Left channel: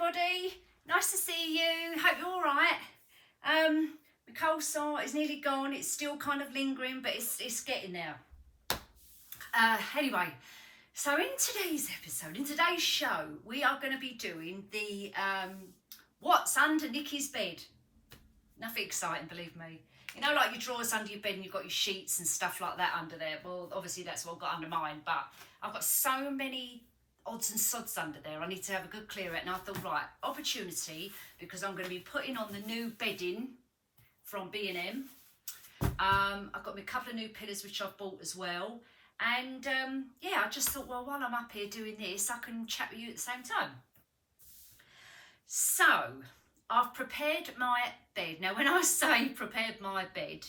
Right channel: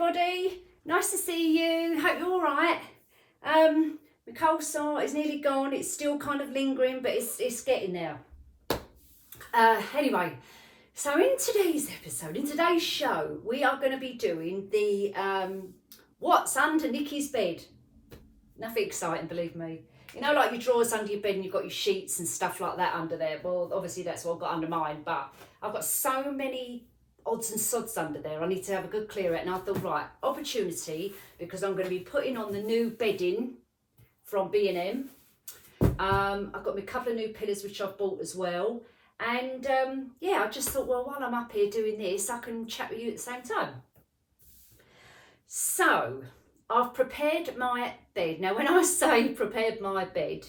everybody. Nice to see you. Hope you're all right. My cold sore is nearly gone. It's still kind of lingering, but it's getting there. Anyway, so in today's episode, in today's show, we are going to be doing the what's under Nikki's bed. Nothing exciting, believe me. You know, like your drawers under your bed and you've got your sheets and stuff like that under there. Well, obviously that's what I've got under mine, but I've got so many odds and sods under there. I need to have a good clear out. And I thought, right, opportunity, because I'm going to be putting on the new bedding from B&M. I've got me a couple of new pillows which I've bought as well. And yeah, I just thought, well, while I'm up here doing this, I can chat with you at the same time. So I've prepared my bed. Now, when I say prepared my bed,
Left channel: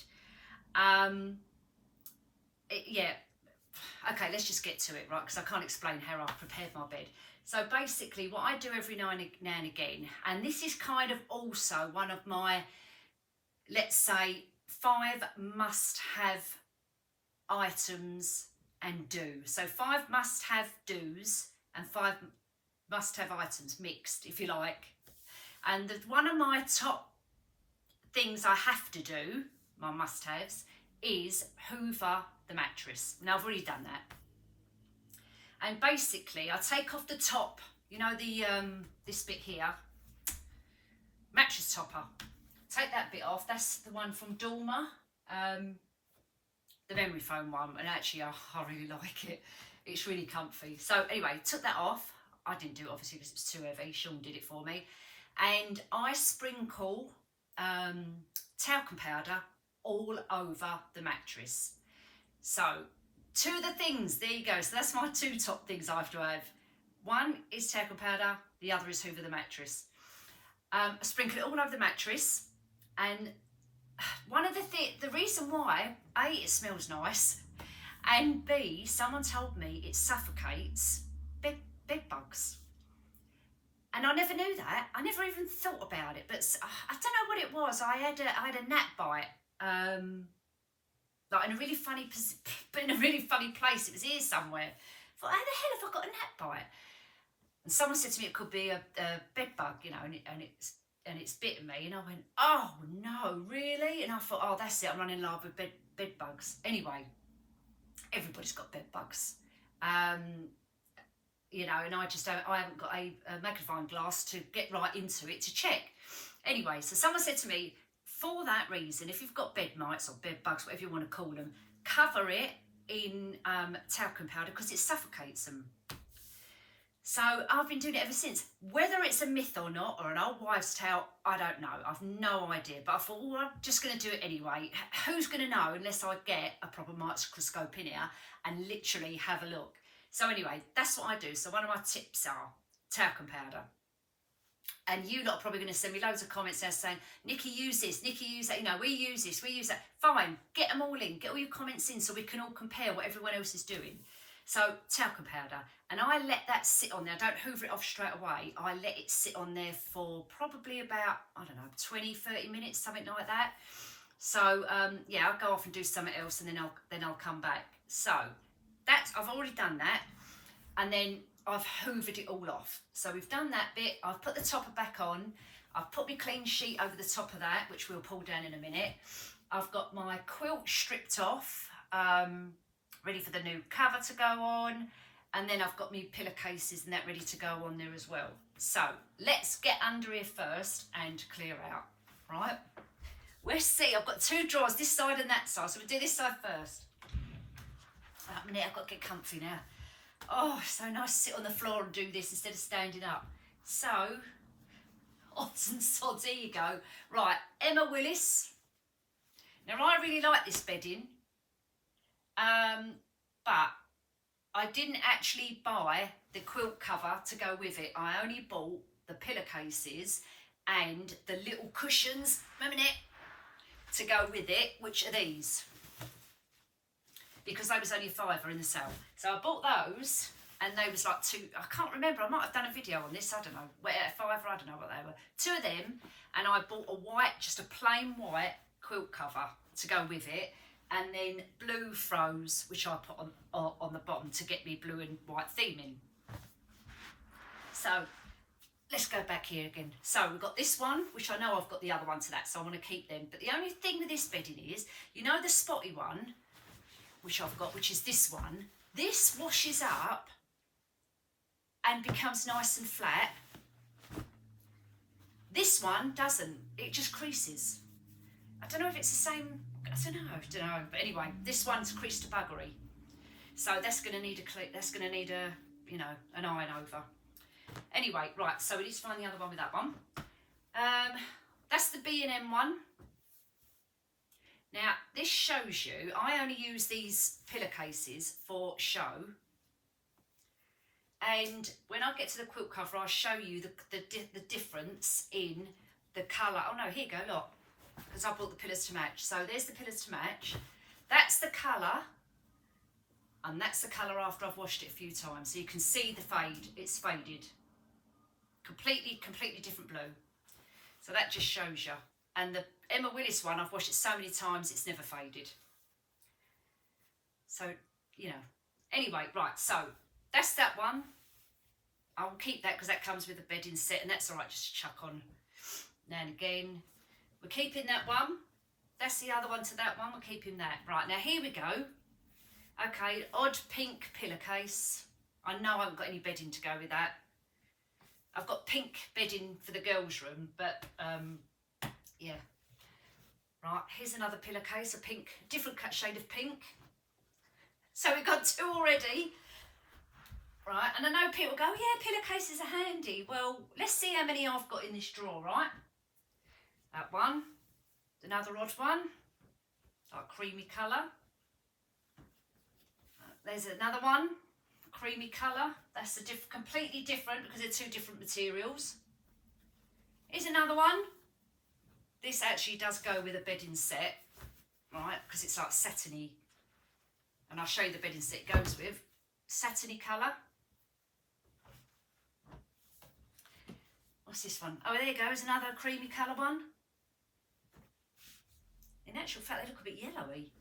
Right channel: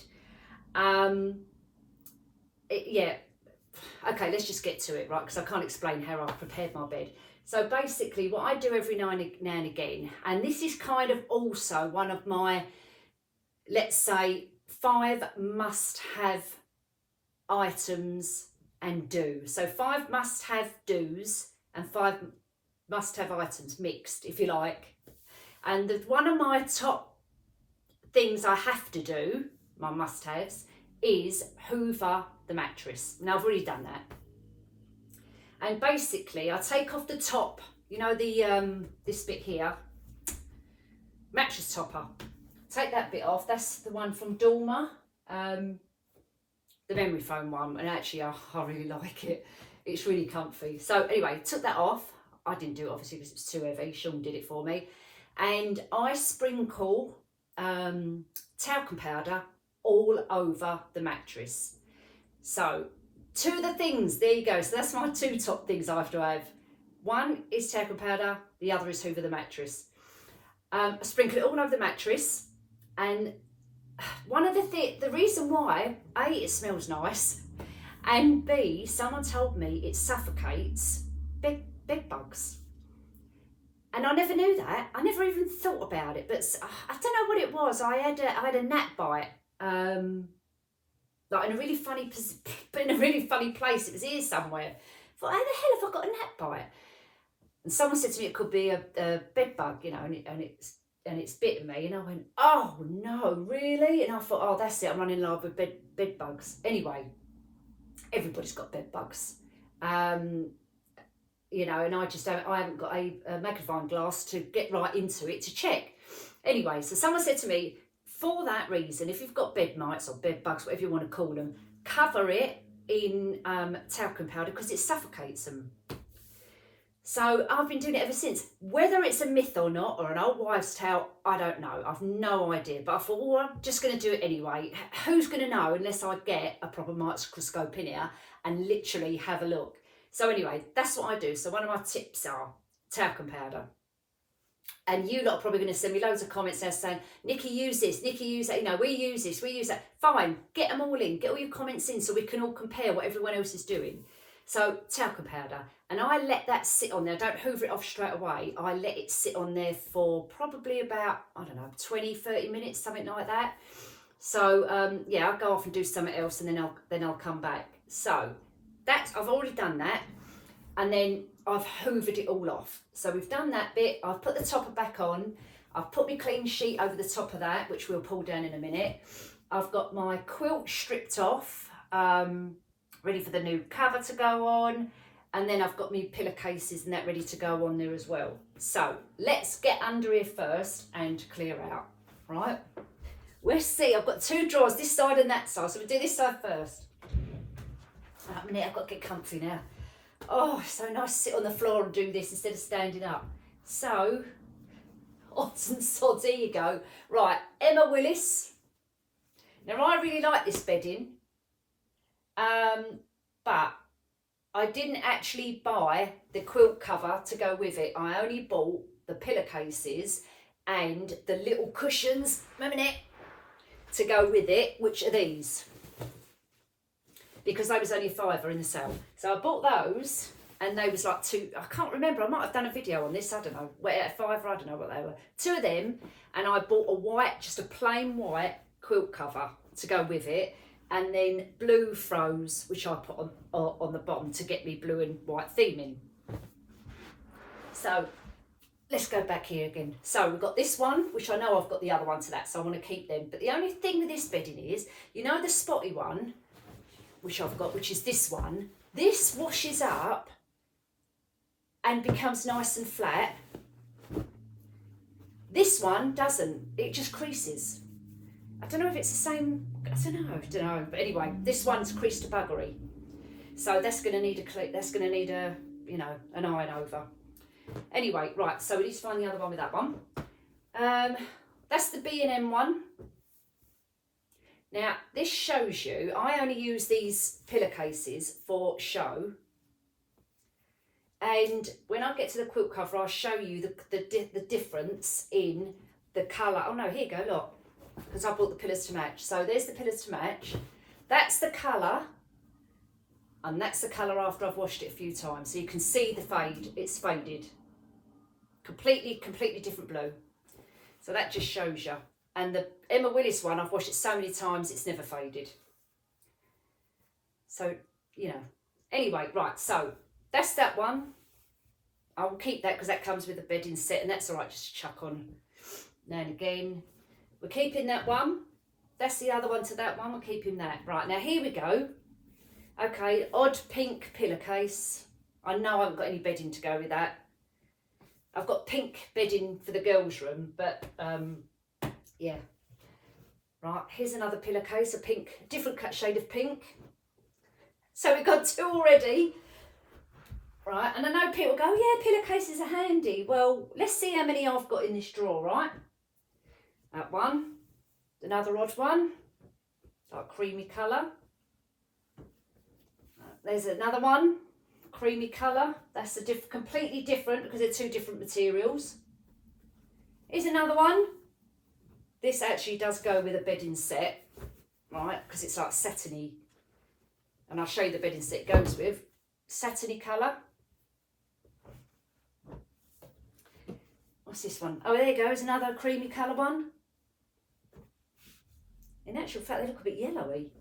yeah, okay, let's just get to it, right? Because I can't explain how I've prepared my bed. So basically, what I do every now and again, and this is kind of also one of my, let's say, 5 must-have items and do. So 5 must-have do's and 5 must-have items mixed, if you like. And one of my top things I have to do, my must-haves, is hoover the mattress. Now, I've already done that. And basically, I take off the top, you know, the this bit here, mattress topper. Take that bit off. That's the one from Dorma, the memory foam one. And actually, I really like it. It's really comfy. So anyway, took that off. I didn't do it, obviously, because it's too heavy. Sean did it for me. And I sprinkle talcum powder all over the mattress. So 2 of the things, there you go. So that's my 2 top things I have to have. One is talcum powder, the other is hoover the mattress. I sprinkle it all over the mattress. And one of the reason why, A, it smells nice, and B, someone told me it suffocates bed bugs. And I never knew that. I never even thought about it. But I don't know what it was. I had a gnat bite, like in a really funny place. It was here somewhere. I thought, how the hell have I got a gnat bite? And someone said to me it could be a bed bug, you know, and it's bitten me. And I went, oh no, really? And I thought, oh, that's it. I'm running low with bed bugs. Anyway, everybody's got bed bugs. You know, and I haven't got a magnifying glass to get right into it to check. Anyway, so someone said to me, for that reason, if you've got bed mites or bed bugs, whatever you want to call them, cover it in talcum powder because it suffocates them. So I've been doing it ever since. Whether it's a myth or not, or an old wives' tale, I don't know. I've no idea. But I thought, well, I'm just going to do it anyway. Who's going to know unless I get a proper microscope in here and literally have a look? So anyway, that's what I do. So one of my tips are talcum powder. And you lot are probably going to send me loads of comments there saying, Nikki, use this, Nikki, use that. You know, we use this, we use that. Fine, get them all in. Get all your comments in so we can all compare what everyone else is doing. So talcum powder. And I let that sit on there. I don't hoover it off straight away. I let it sit on there for probably about, I don't know, 20, 30 minutes, something like that. So, yeah, I'll go off and do something else and then I'll come back. So I've already done that, and then I've hoovered it all off. So we've done that bit. I've put the topper back on. I've put my clean sheet over the top of that, which we'll pull down in a minute. I've got my quilt stripped off, ready for the new cover to go on, and then I've got my pillowcases and that ready to go on there as well. So let's get under here first and clear out, right? We'll see. I've got 2 drawers, this side and that side, so we'll do this side first. A minute, I've got to get comfy now. Oh, so nice to sit on the floor and do this instead of standing up. So, odds and sods, here you go. Right, Emma Willis. Now, I really like this bedding, but I didn't actually buy the quilt cover to go with it. I only bought the pillowcases and the little cushions, a minute, to go with it, which are these. Because they was only a £5 in the sale. So I bought those, and they was like 2, I can't remember, I might have done a video on this, I don't know, £5, I don't know what they were. 2 of them, and I bought a white, just a plain white quilt cover to go with it, and then blue throws, which I put on the bottom to get me blue and white theming. So let's go back here again. So we've got this one, which I know I've got the other one to that, so I want to keep them. But the only thing with this bedding is, you know the spotty one, which I've got, which is this one, this washes up and becomes nice and flat. This one doesn't, it just creases. I don't know if it's the same, I don't know. But anyway, this one's creased to buggery. So that's going to need a, you know, an iron over. Anyway, right, so we need to find the other one with that one. That's the B&M one. Now, this shows you, I only use these pillowcases for show. And when I get to the quilt cover, I'll show you the difference in the colour. Oh no, here you go, look. Because I bought the pillows to match. So there's the pillows to match. That's the colour. And that's the colour after I've washed it a few times. So you can see the fade. It's faded. Completely different blue. So that just shows you. And the Emma Willis one, I've washed it so many times, it's never faded. So, you know. Anyway, right, so that's that one. I'll keep that because that comes with a bedding set, and that's all right, just chuck on now and again. We're keeping that one. That's the other one to that one. We're keeping that. Right, now here we go. Okay, odd pink pillowcase. I know I haven't got any bedding to go with that. I've got pink bedding for the girls' room, but yeah. Right, here's another pillowcase, a pink, different shade of pink. So we've got two already. Right, and I know people go, yeah, pillowcases are handy. Well, let's see how many I've got in this drawer, right? That one, another odd one, like creamy colour. There's another one, creamy colour. That's a completely different because they're two different materials. Here's another one. This actually does go with a bedding set, right? Because it's like satiny. And I'll show you the bedding set it goes with. Satiny colour. What's this one? Oh, there you go. There's another creamy colour one. In actual fact, they look a bit yellowy.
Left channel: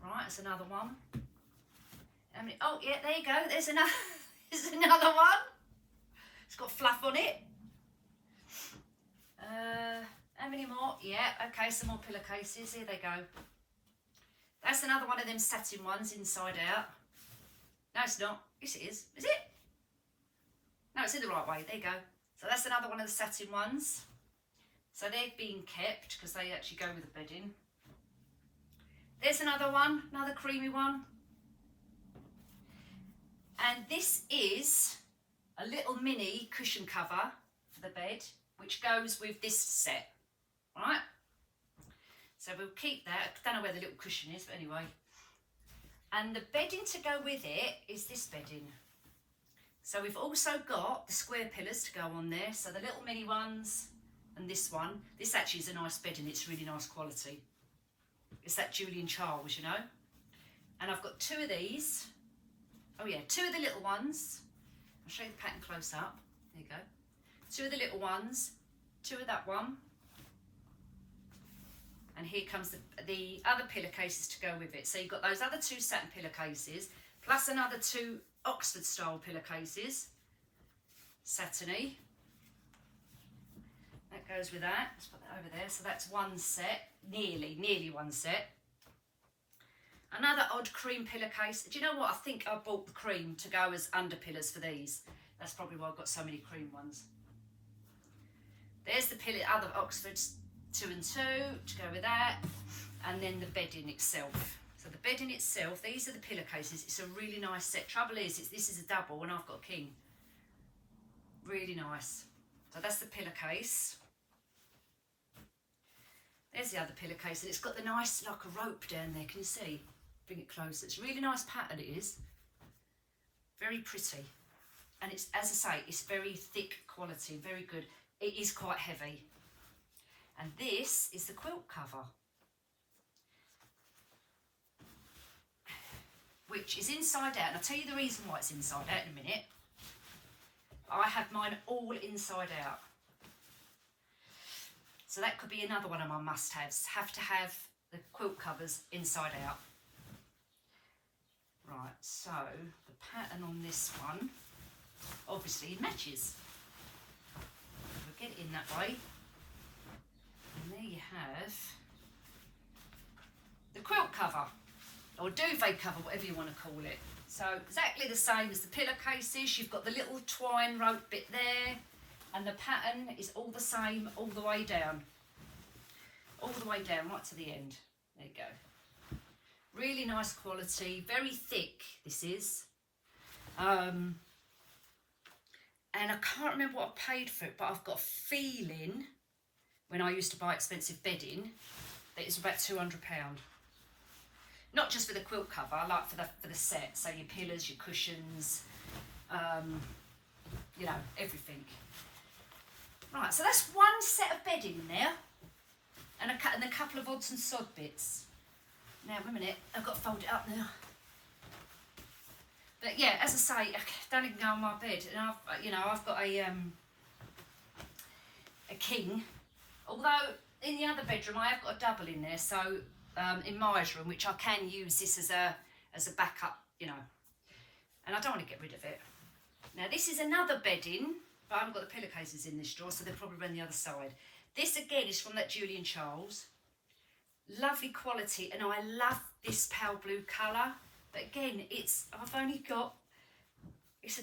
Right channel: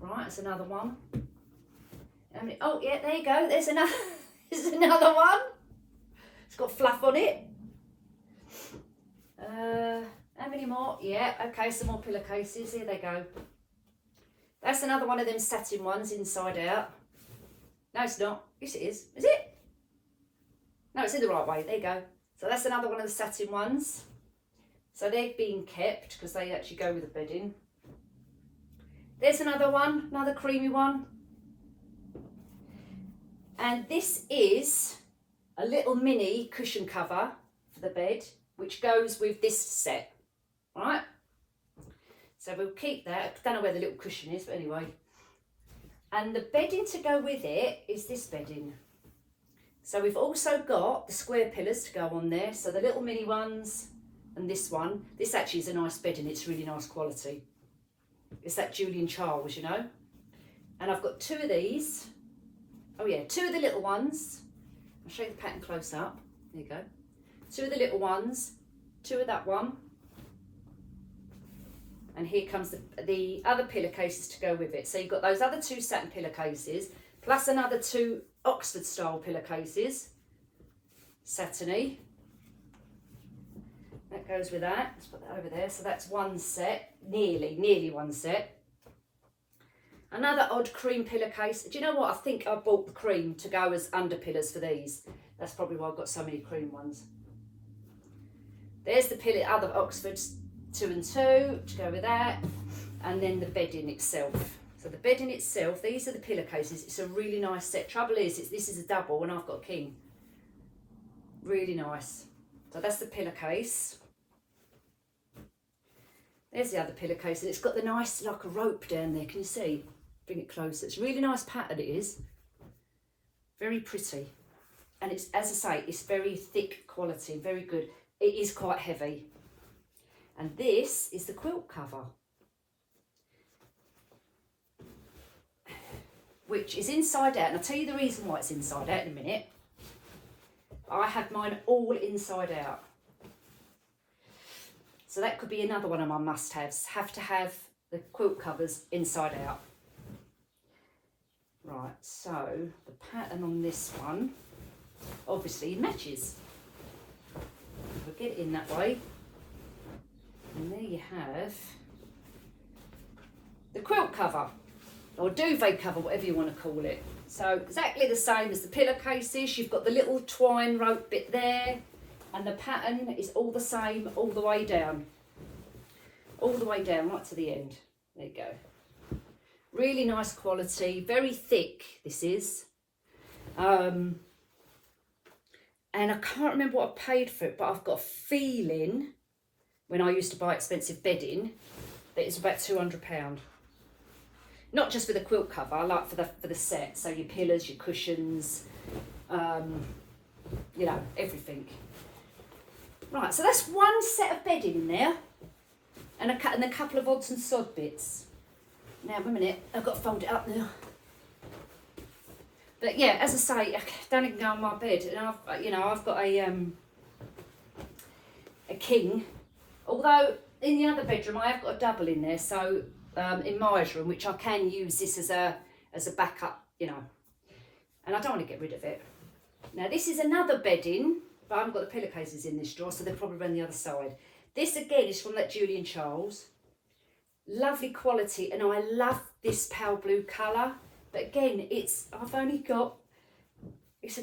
Right, it's another one. Oh, yeah, there you go. There's another, there's another one. It's got fluff on it. How many more? Yeah, okay, some more pillowcases. Here they go. That's another one of them satin ones, inside out. No, it's not. Yes, it is. Is it? No, it's in the right way. There you go. So that's another one of the satin ones. So they're being kept because they actually go with the bedding. There's another one, another creamy one. And this is a little mini cushion cover for the bed, which goes with this set, right? So we'll keep that. I don't know where the little cushion is, but anyway. And the bedding to go with it is this bedding. So we've also got the square pillars to go on there. So the little mini ones and this one. This actually is a nice bedding. It's really nice quality. It's that Julian Charles, you know. And I've got two of these. Oh yeah, two of the little ones. I'll show you the pattern close up. There you go. Two of the little ones. Two of that one. And here comes the other pillowcases to go with it. So you've got those other two satin pillowcases, plus another two Oxford style pillowcases. Satiny. That goes with that. Let's put that over there. So that's one set, nearly one set. Another odd cream pillowcase. Do you know what? I think I bought the cream to go as under pillows for these. That's probably why I've got so many cream ones. There's the other Oxfords, 2 and 2 to go with that. And then the bedding itself. So the bedding itself, these are the pillowcases. It's a really nice set. Trouble is, this is a double and I've got a king. Really nice. So that's the pillowcase. There's the other pillowcase, and it's got the nice, like a rope down there. Can you see? Bring it closer. It's a really nice pattern, it is. Very pretty. And it's, as I say, it's very thick quality, very good. It is quite heavy. And this is the quilt cover, which is inside out. And I'll tell you the reason why it's inside out in a minute. I have mine all inside out. So that could be another one of my must-haves. Have to have the quilt covers inside out. Right, so the pattern on this one obviously matches. get it in that way. And there you have the quilt cover, or duvet cover, whatever you want to call it. So exactly the same as the pillowcases. You've got the little twine rope bit there, and the pattern is all the same all the way down. All the way down, right to the end. There you go. Really nice quality, very thick this is. And I can't remember what I paid for it, but I've got a feeling, when I used to buy expensive bedding, that it's about £200. Not just for the quilt cover, like for the set. So your pillows, your cushions, you know, everything. Right, so that's one set of bedding there, and a couple of odds and sod bits. Now, wait a minute, I've got to fold it up now. But yeah, as I say, I don't even go on my bed, and I've got a king. Although in the other bedroom I have got a double in there, so in Maya's room, which I can use this as a backup, you know. And I don't want to get rid of it. Now this is another bedding, but I haven't got the pillowcases in this drawer, so they're probably around the other side. This again is from that Julian Charles. Lovely quality, and I love this pale blue colour. But again, it's a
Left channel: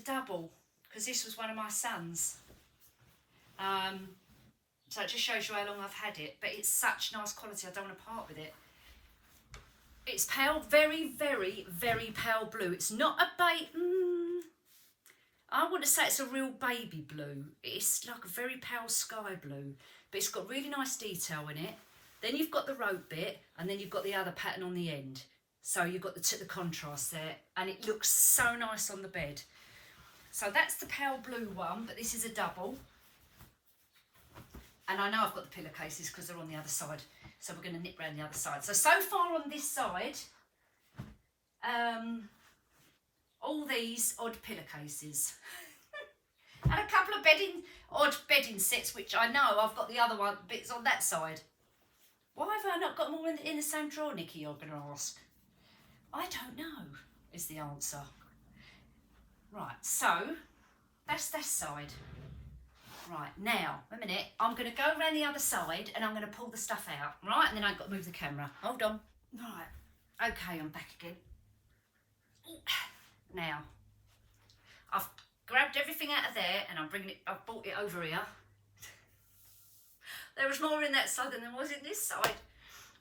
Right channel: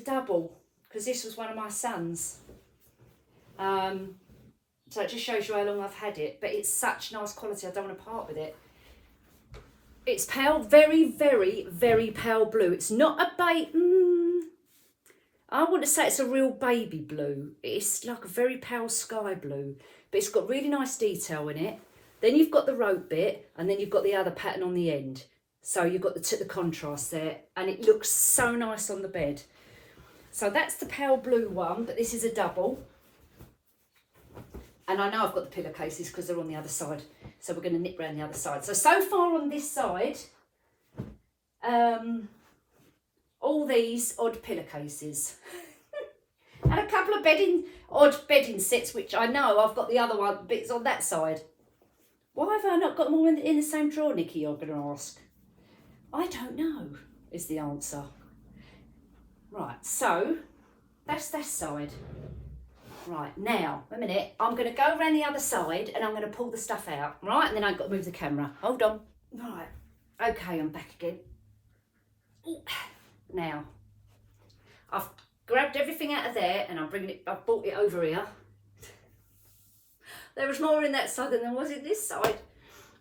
double, because this was one of my sons. So it just shows you how long I've had it, but it's such nice quality, I don't want to part with it. It's pale, very, very, very pale blue. It's not a I want to say it's a real baby blue. It's like a very pale sky blue, but it's got really nice detail in it. Then you've got the rope bit, and then you've got the other pattern on the end. So you've got the contrast there, and it looks so nice on the bed. So that's the pale blue one, but this is a double. And I know I've got the pillowcases because they're on the other side. So we're going to nip round the other side. So far on this side, all these odd pillowcases. And a couple of odd bedding sets, which I know I've got the other one bits on that side. Why have I not got more in the same drawer, Nikki, you're going to ask? I don't know, is the answer. Right, so that's that side. Right, now, a minute, I'm going to go around the other side and I'm going to pull the stuff out, right? And then I've got to move the camera. Hold on. Right, okay, I'm back again. Ooh. Now, I've grabbed everything out of there and I've brought it over here. There was more in that side than there was in this side.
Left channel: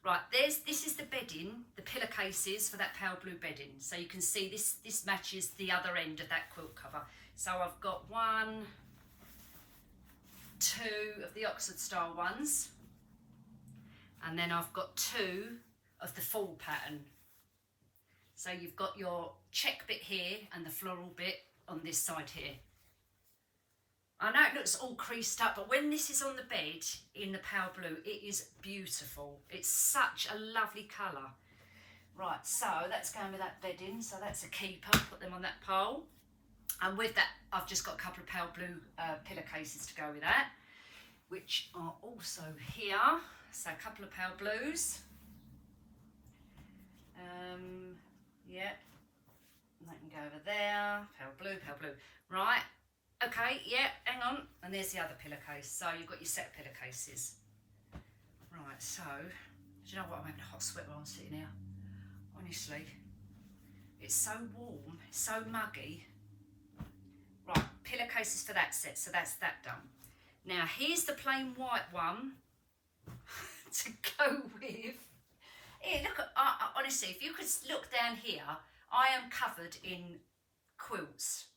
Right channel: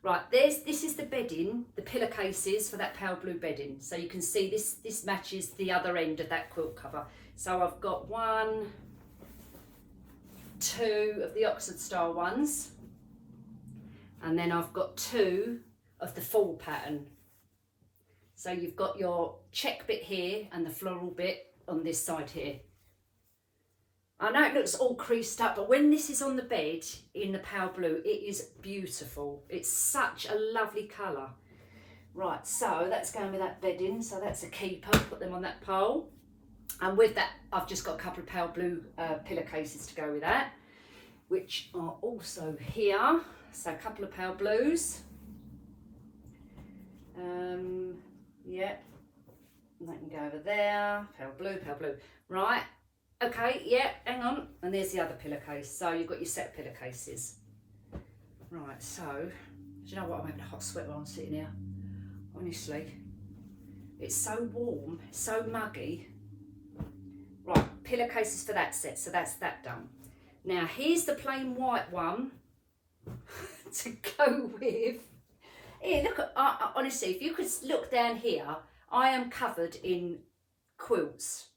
Right, this is the bedding, the pillowcases for that pale blue bedding. So you can see this matches the other end of that quilt cover. So I've got 1, 2 of the Oxford style ones, and then I've got 2 of the full pattern. So you've got your check bit here and the floral bit on this side here. I know it looks all creased up, but when this is on the bed in the pale blue, it is beautiful. It's such a lovely colour. Right, so that's going with that bedding, so that's a keeper. Put them on that pole. And with that, I've just got a couple of pale blue pillowcases to go with that, which are also here. So a couple of pale blues. Yeah, and that can go over there. Pale blue, pale blue. Right, okay, yeah, hang on. And there's the other pillowcase. So you've got your set of pillowcases. Right, so, do you know what? I'm having a hot sweat while I'm sitting here. Honestly, it's so warm, so muggy. Right, pillowcases for that set, so that's that done. Now here's the plain white one to go with. Here, look at, honestly, if you could look down here, I am covered in quilts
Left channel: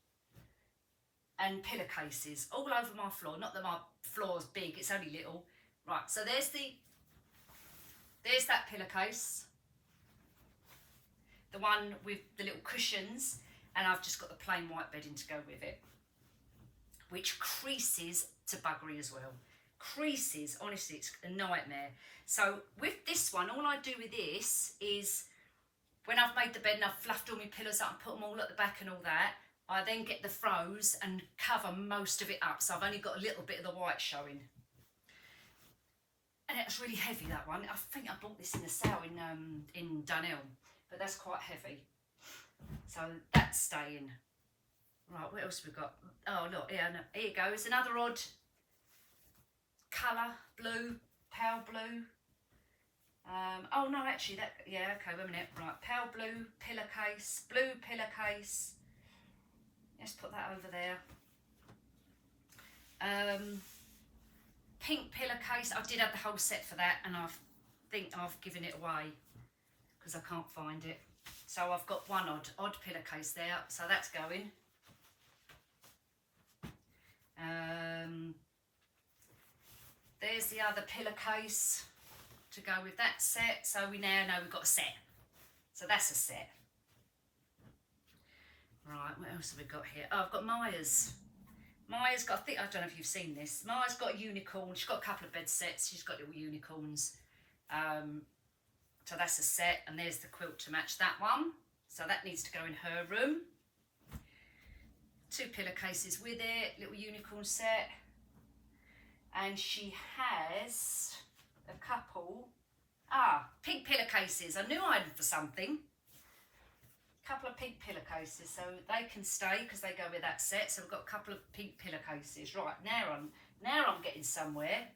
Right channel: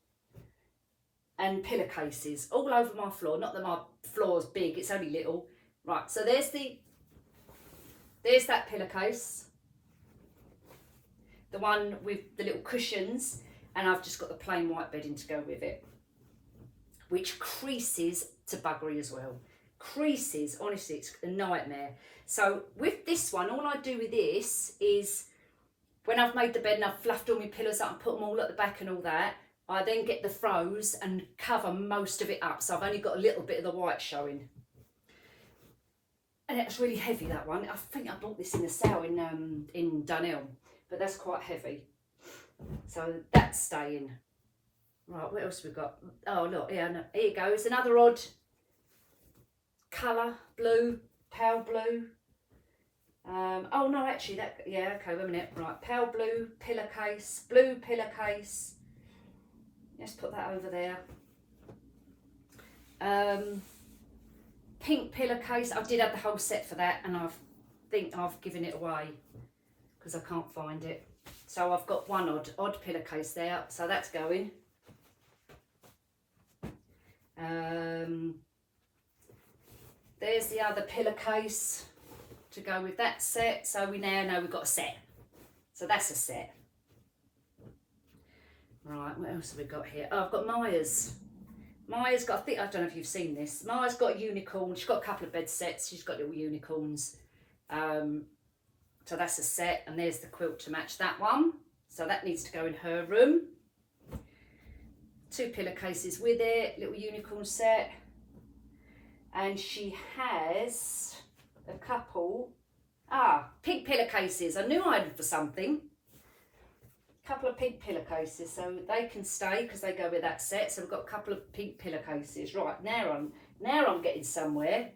and pillowcases all over my floor. Not that my floor's big, it's only little. Right, so there's that pillowcase, the one with the little cushions, and I've just got the plain white bedding to go with it, which creases to buggery as well. Creases, honestly, it's a nightmare. So with this one, all I do with this is, when I've made the bed and I've fluffed all my pillows up and put them all at the back and all that, I then get the froze and cover most of it up. So I've only got a little bit of the white showing. And it's really heavy, that one. I think I bought this in the sale in Dunelm, but that's quite heavy. So that's staying. Right, what else have we got? Oh, look, here you go. It's another odd colour, blue, pale blue. Oh no, actually that, yeah, okay, wait a minute. Right, pale blue pillowcase, blue pillowcase. Let's put that over there. Pink pillowcase. I did have the whole set for that, and I think I've given it away because I can't find it. So I've got one odd pillowcase there, so that's going. There's the other pillowcase to go with that set. So we now know we've got a set. So that's a set. Right, what else have we got here? Oh, I've got Maya's. Maya's got, I don't know if you've seen this. Maya's got a unicorn. She's got a couple of bed sets. She's got little unicorns. So that's a set. And there's the quilt to match that one. So that needs to go in her room. 2 pillowcases with it, little unicorn set. And she has a couple, pink pillowcases. I knew I had for something. Couple of pink pillowcases, so they can stay because they go with that set. So we've got a couple of pink pillowcases. Right, now I'm getting somewhere.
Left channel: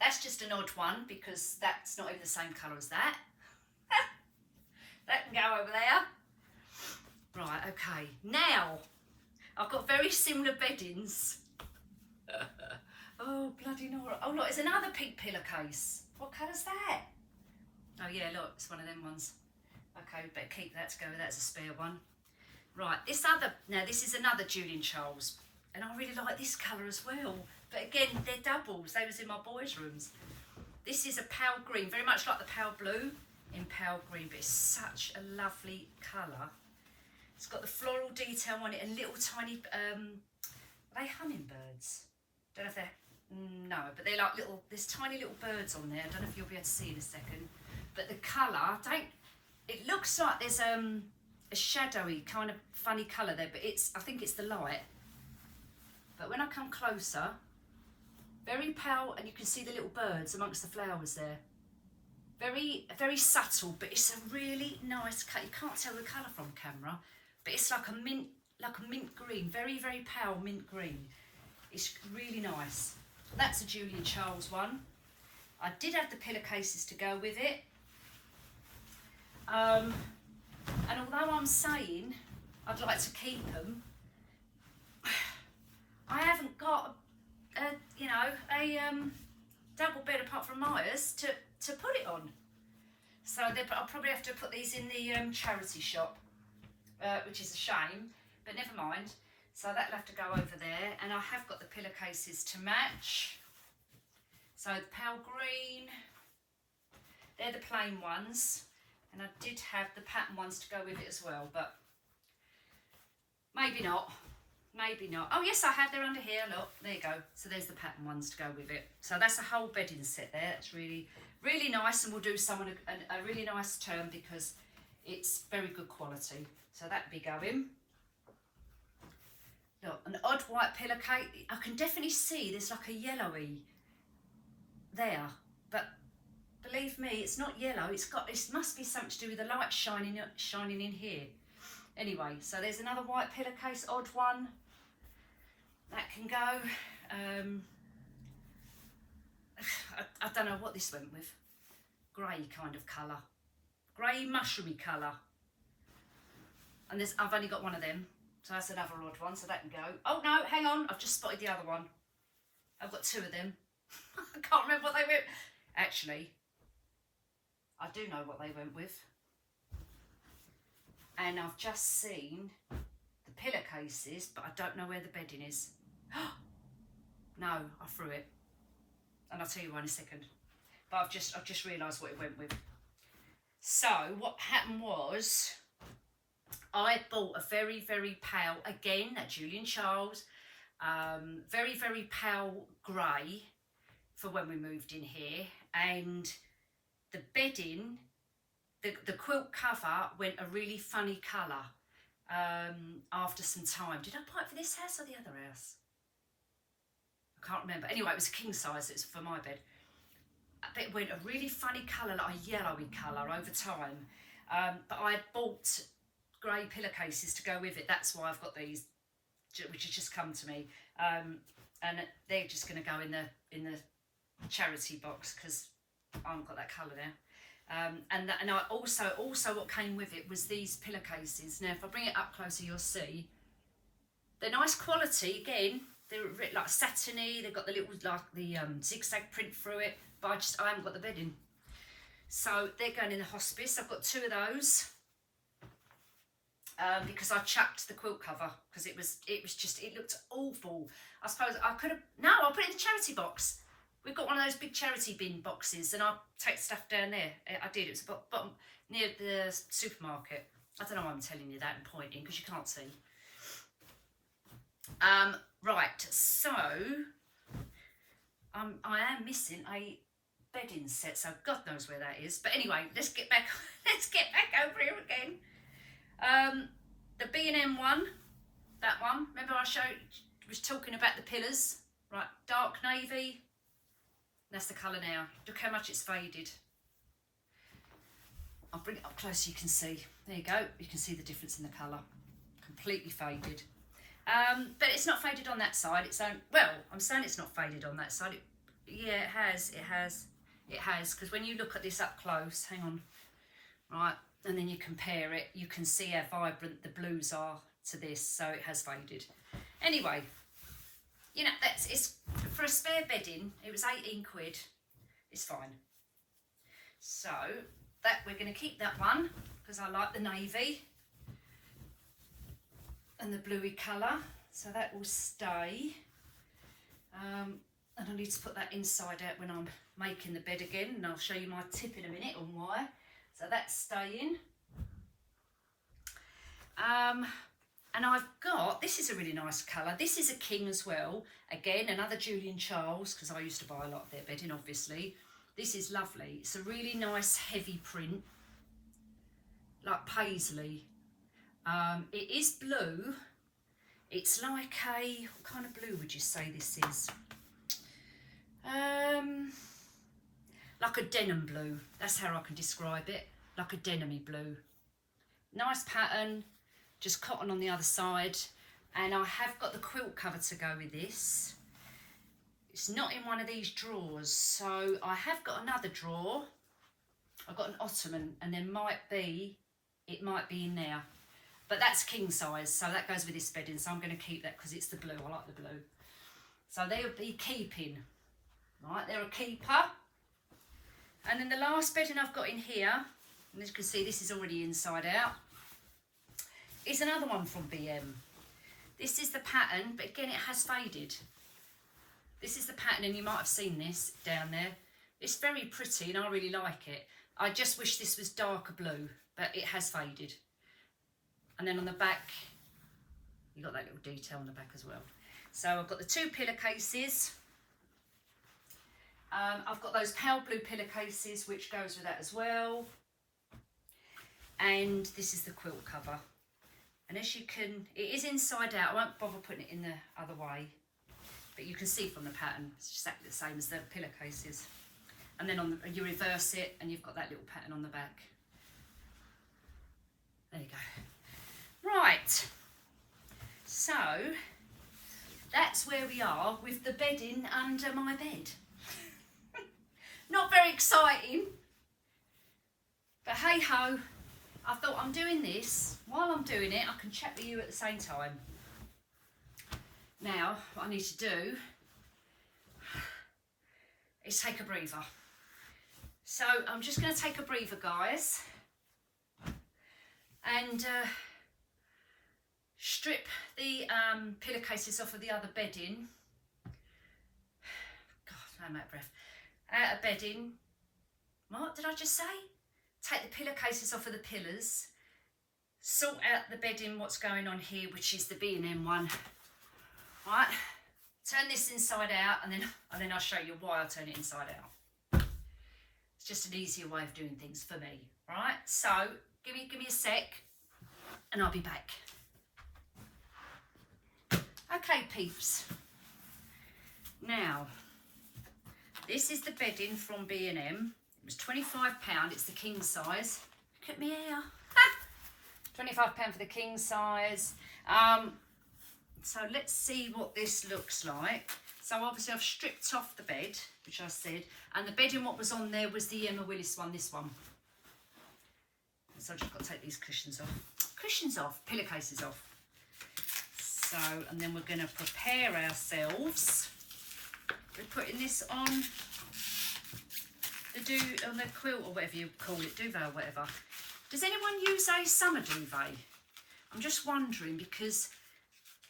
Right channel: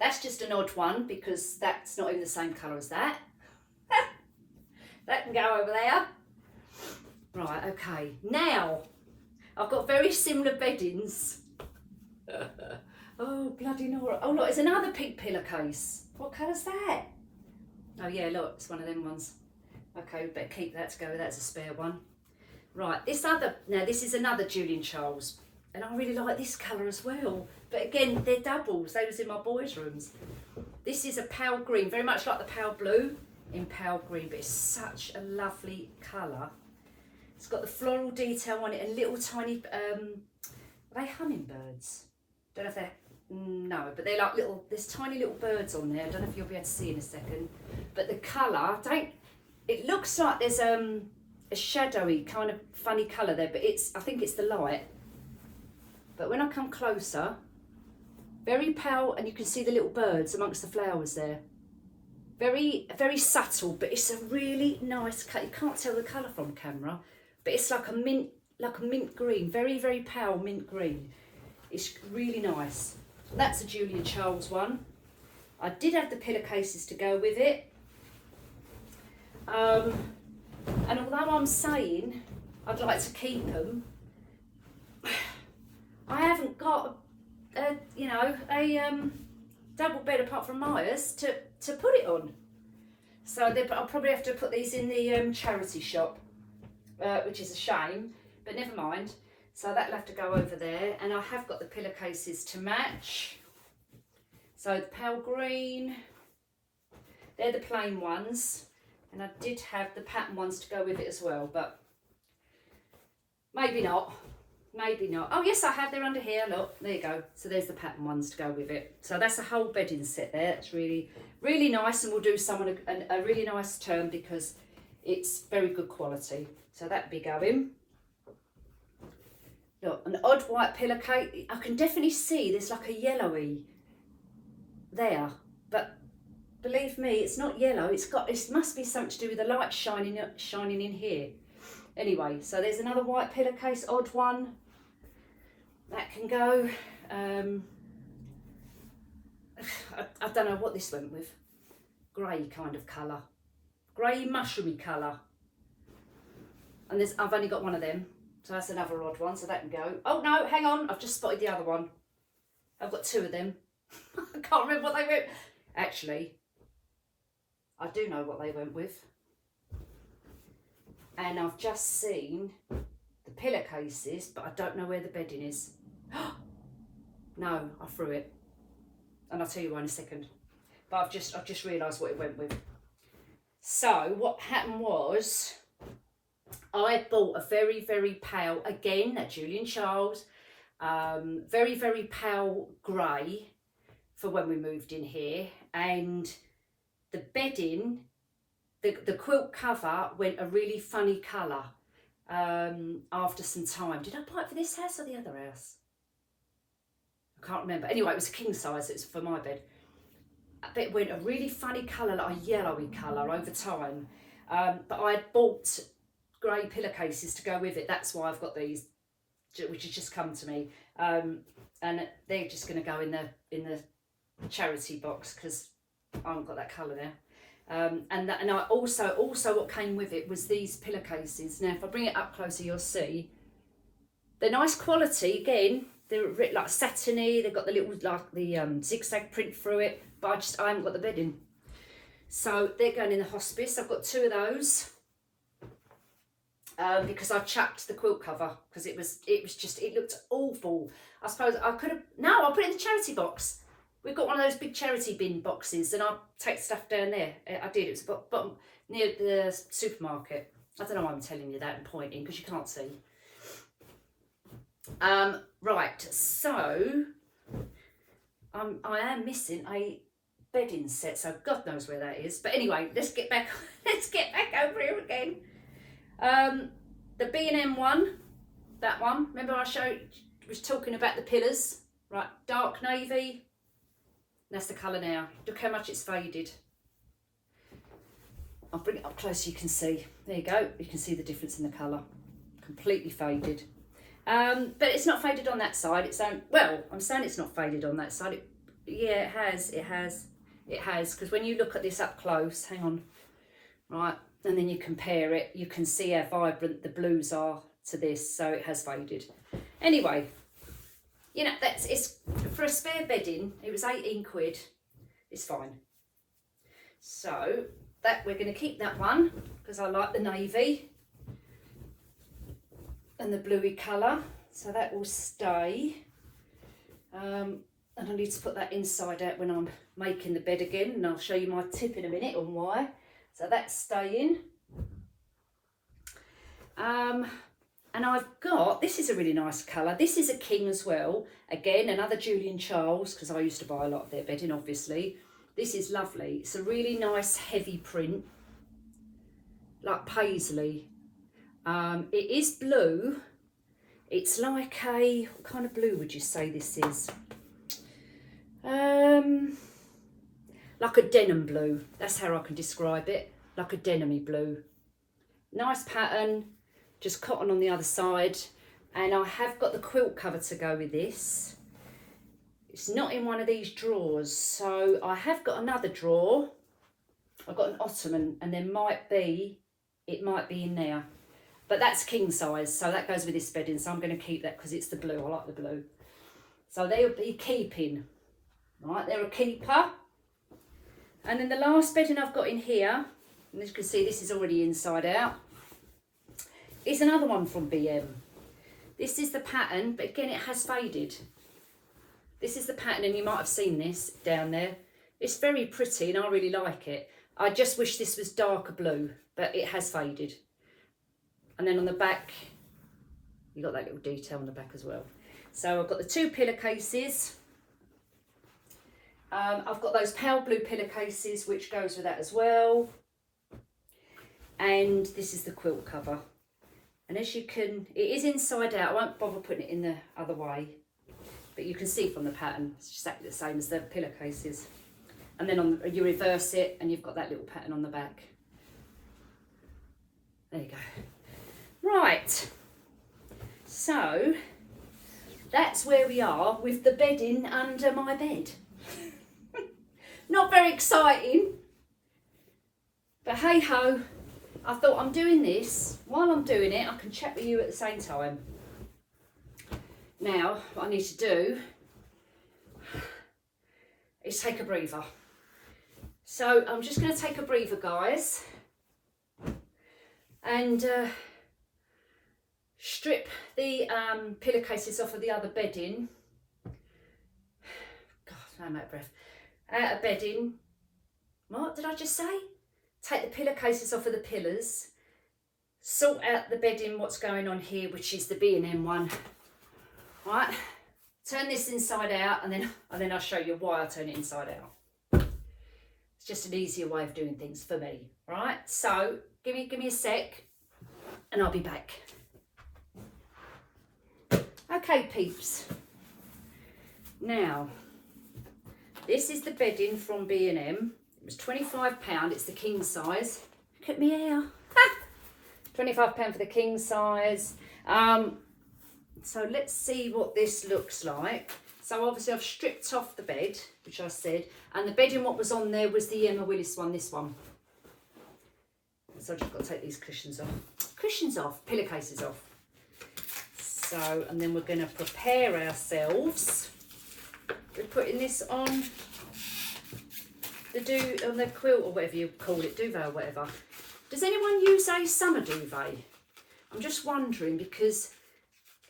That's just an odd one because that's not even the same colour as that. That can go over there. Right, okay. Now I've got very similar beddings. Oh, bloody Nora. Oh, look, it's another pink pillowcase. What colour's that? Oh, yeah, look, it's one of them ones. Okay, we better keep that to go. That's a spare one. Right, now this is another Julian Charles. And I really like this colour as well. But again, they're doubles. They was in my boys' rooms. This is a pale green, very much like the pale blue in pale green. But it's such a lovely colour. It's got the floral detail on it and little tiny, are they hummingbirds? Don't know if they're, no, but they're like little, there's tiny little birds on there. I don't know if you'll be able to see in a second. But the colour, it looks like there's a shadowy kind of funny colour there, but I think it's the light. But when I come closer, very pale, and you can see the little birds amongst the flowers there. Very, very subtle, but it's a really nice colour. You can't tell the colour from camera, but it's like a mint green, very, very pale mint green. It's really nice. That's a Julian Charles one. I did have the pillowcases to go with it. And although I'm saying I'd like to keep them, I haven't got a double bed apart from Maya's to put it on. So I'll probably have to put these in the charity shop, which is a shame, but never mind. So that'll have to go over there, and I have got the pillowcases to match. So the pale green, they're the plain ones, and I did have the pattern ones to go with it as well, but maybe not. Maybe not. Oh yes, I have. They're under here. Look, there you go. So there's the pattern ones to go with it. So that's a whole bedding set there. It's really, really nice, and we'll do someone a really nice term because it's very good quality. So that'd be going. Look, an odd white pillowcase. I can definitely see there's like a yellowy there, but believe me, it's not yellow. It must be something to do with the light shining in here. Anyway, so there's another white pillowcase, odd one. That can go. I don't know what this went with. Grey kind of colour. Grey mushroomy colour. And I've only got one of them. So that's another odd one, so that can go. Oh no, hang on, I've just spotted the other one. I've got 2 of them. I can't remember what they went. Actually, I do know what they went with. And I've just seen the pillowcases, but I don't know where the bedding is. No, I threw it. And I'll tell you why in a second. But I've just realised what it went with. So what happened was, I bought a very, very pale, again, a Julian Charles, very, very pale grey for when we moved in here. And the bedding, the quilt cover went a really funny colour after some time. Did I buy it for this house or the other house? I can't remember. Anyway, it was a king size, it was for my bed. But it went a really funny colour, like a yellowy colour over time. But I had bought grey pillowcases to go with it. That's why I've got these. which has just come to me, and they're just going to go in the charity box because I haven't got that colour now. And I also what came with it was these pillowcases. Now, if I bring it up closer, you'll see they're nice quality. Again, they're like satiny. They've got the little zigzag print through it, but I haven't got the bedding. So they're going in the hospice. I've got 2 of those because I chucked the quilt cover because it looked awful. I suppose I could have. No, I'll put it in the charity box. We've got one of those big charity bin boxes, and I'll take stuff down there. I did. It was bottom near the supermarket. I don't know why I'm telling you that and pointing because you can't see. Right. So I am missing a bedding set, so God knows where that is. But anyway, let's get back. Let's get back over here again. The B&M one, that one. Remember I was talking about the pillars, right? Dark navy. That's the colour now. Look how much it's faded. I'll bring it up close so you can see. There you go. You can see the difference in the colour. Completely faded. But it's not faded on that side. I'm saying it's not faded on that side. Yeah, it has. Because when you look at this up close, hang on, right, and then you compare it, you can see how vibrant the blues are to this. So it has faded. Anyway, you know, it's for a spare bedding. It was 18 quid. It's fine. So that we're going to keep that one because I like the navy and the bluey colour, so that will stay. And I need to put that inside out when I'm making the bed again, and I'll show you my tip in a minute on why. So that's staying. And I've got, this is a really nice colour. This is a king as well. Again, another Julian Charles, because I used to buy a lot of their bedding, obviously. This is lovely. It's a really nice heavy print, like paisley. It is blue. It's like what kind of blue would you say this is? Like a denim blue. That's how I can describe it. Like a denim-y blue. Nice pattern. Just cotton on the other side. And I have got the quilt cover to go with this. It's not in one of these drawers. So I have got another drawer. I've got an ottoman, and it might be in there. But that's king size, so that goes with this bedding. So I'm going to keep that because it's the blue. I like the blue. So they'll be keeping. Right, they're a keeper. And then the last bedding I've got in here, and as you can see, this is already inside out, is another one from BM. This is the pattern, but again, it has faded. This is the pattern, and you might have seen this down there. It's very pretty, and I really like it. I just wish this was darker blue, but it has faded. And then on the back, you got that little detail on the back as well. So I've got the 2 pillowcases. I've got those pale blue pillowcases, which goes with that as well. And this is the quilt cover. And as you can, it is inside out. I won't bother putting it in the other way, but you can see from the pattern, it's exactly the same as the pillowcases. And then you reverse it, and you've got that little pattern on the back. There you go. Right. So that's where we are with the bedding under my bed. Not very exciting, but hey ho, I thought I'm doing this. While I'm doing it, I can chat with you at the same time. Now, what I need to do is take a breather. So I'm just going to take a breather, guys, and strip the pillowcases off of the other bedding. God, I'm out of breath. Out of bedding. What did I just say? Take the pillowcases off of the pillars. Sort out the bedding, what's going on here, which is the B&M one. Right. Turn this inside out, and then I'll show you why I turn it inside out. It's just an easier way of doing things for me. Right. So give me a sec, and I'll be back. Okay, peeps. Now, this is the bedding from B&M. It was £25. It's the king size. Look at me hair. £25 for the king size. So let's see what this looks like. So obviously I've stripped off the bed, which I said, and the bedding what was on there was the Emma Willis one, this one. So I've just got to take these cushions off, pillowcases off. So, and then we're going to prepare ourselves. We're putting this on the quilt or whatever you call it, duvet or whatever. Does anyone use a summer duvet? I'm just wondering, because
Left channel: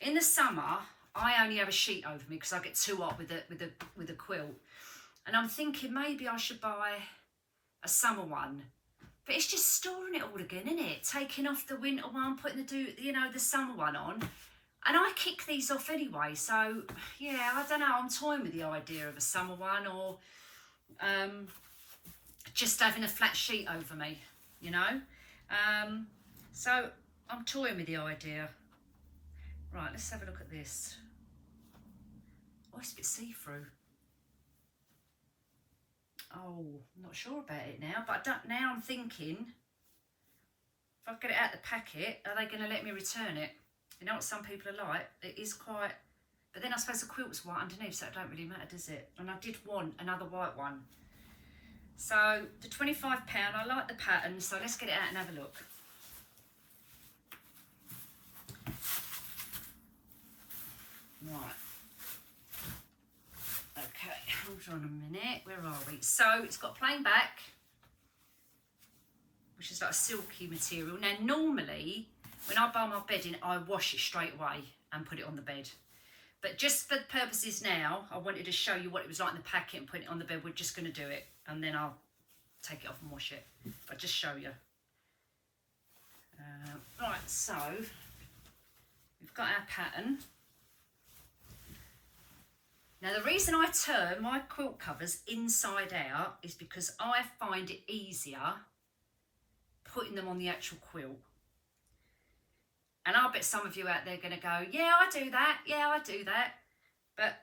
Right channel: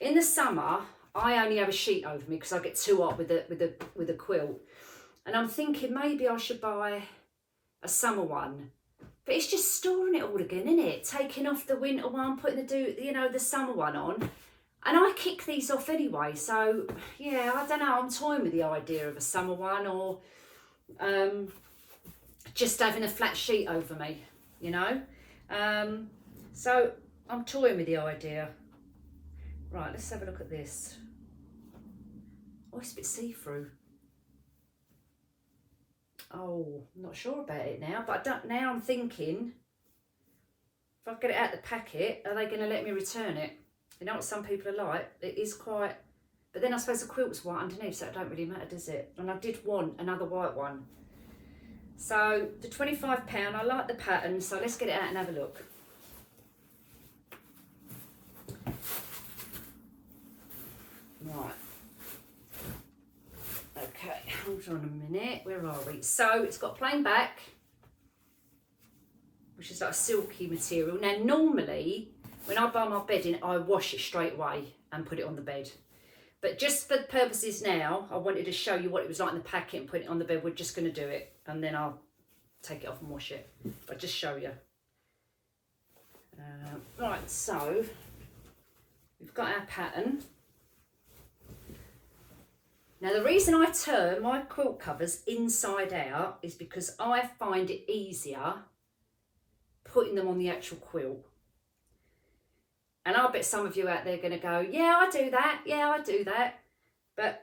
in the summer I only have a sheet over me because I get too hot with a quilt, and I'm thinking maybe I should buy a summer one. But it's just storing it all again, isn't it? Taking off the winter one, putting the summer one on. And I kick these off anyway. So, yeah, I don't know. I'm toying with the idea of a summer one, or just having a flat sheet over me, you know. So I'm toying with the idea. Right, let's have a look at this. Oh, it's a bit see-through. Oh, I'm not sure about it now, but now I'm thinking, if I get it out of the packet, are they going to let me return it? You know what some people are like? It is quite, but then I suppose the quilt's white underneath, so it don't really matter, does it? And I did want another white one. So the £25, I like the pattern, so let's get it out and have a look. Right. Okay, hold on a minute, where are we? So it's got a plain back, which is like a silky material. Now normally, when I buy my bedding, I wash it straight away and put it on the bed. But just for the purposes now, I wanted to show you what it was like in the packet and put it on the bed. We're just going to do it, and then I'll take it off and wash it. But just show you. Right, so we've got our pattern. Now the reason I turn my quilt covers inside out is because I find it easier putting them on the actual quilt. And I'll bet some of you out there are going to go, yeah, I do that. Yeah, I do that. But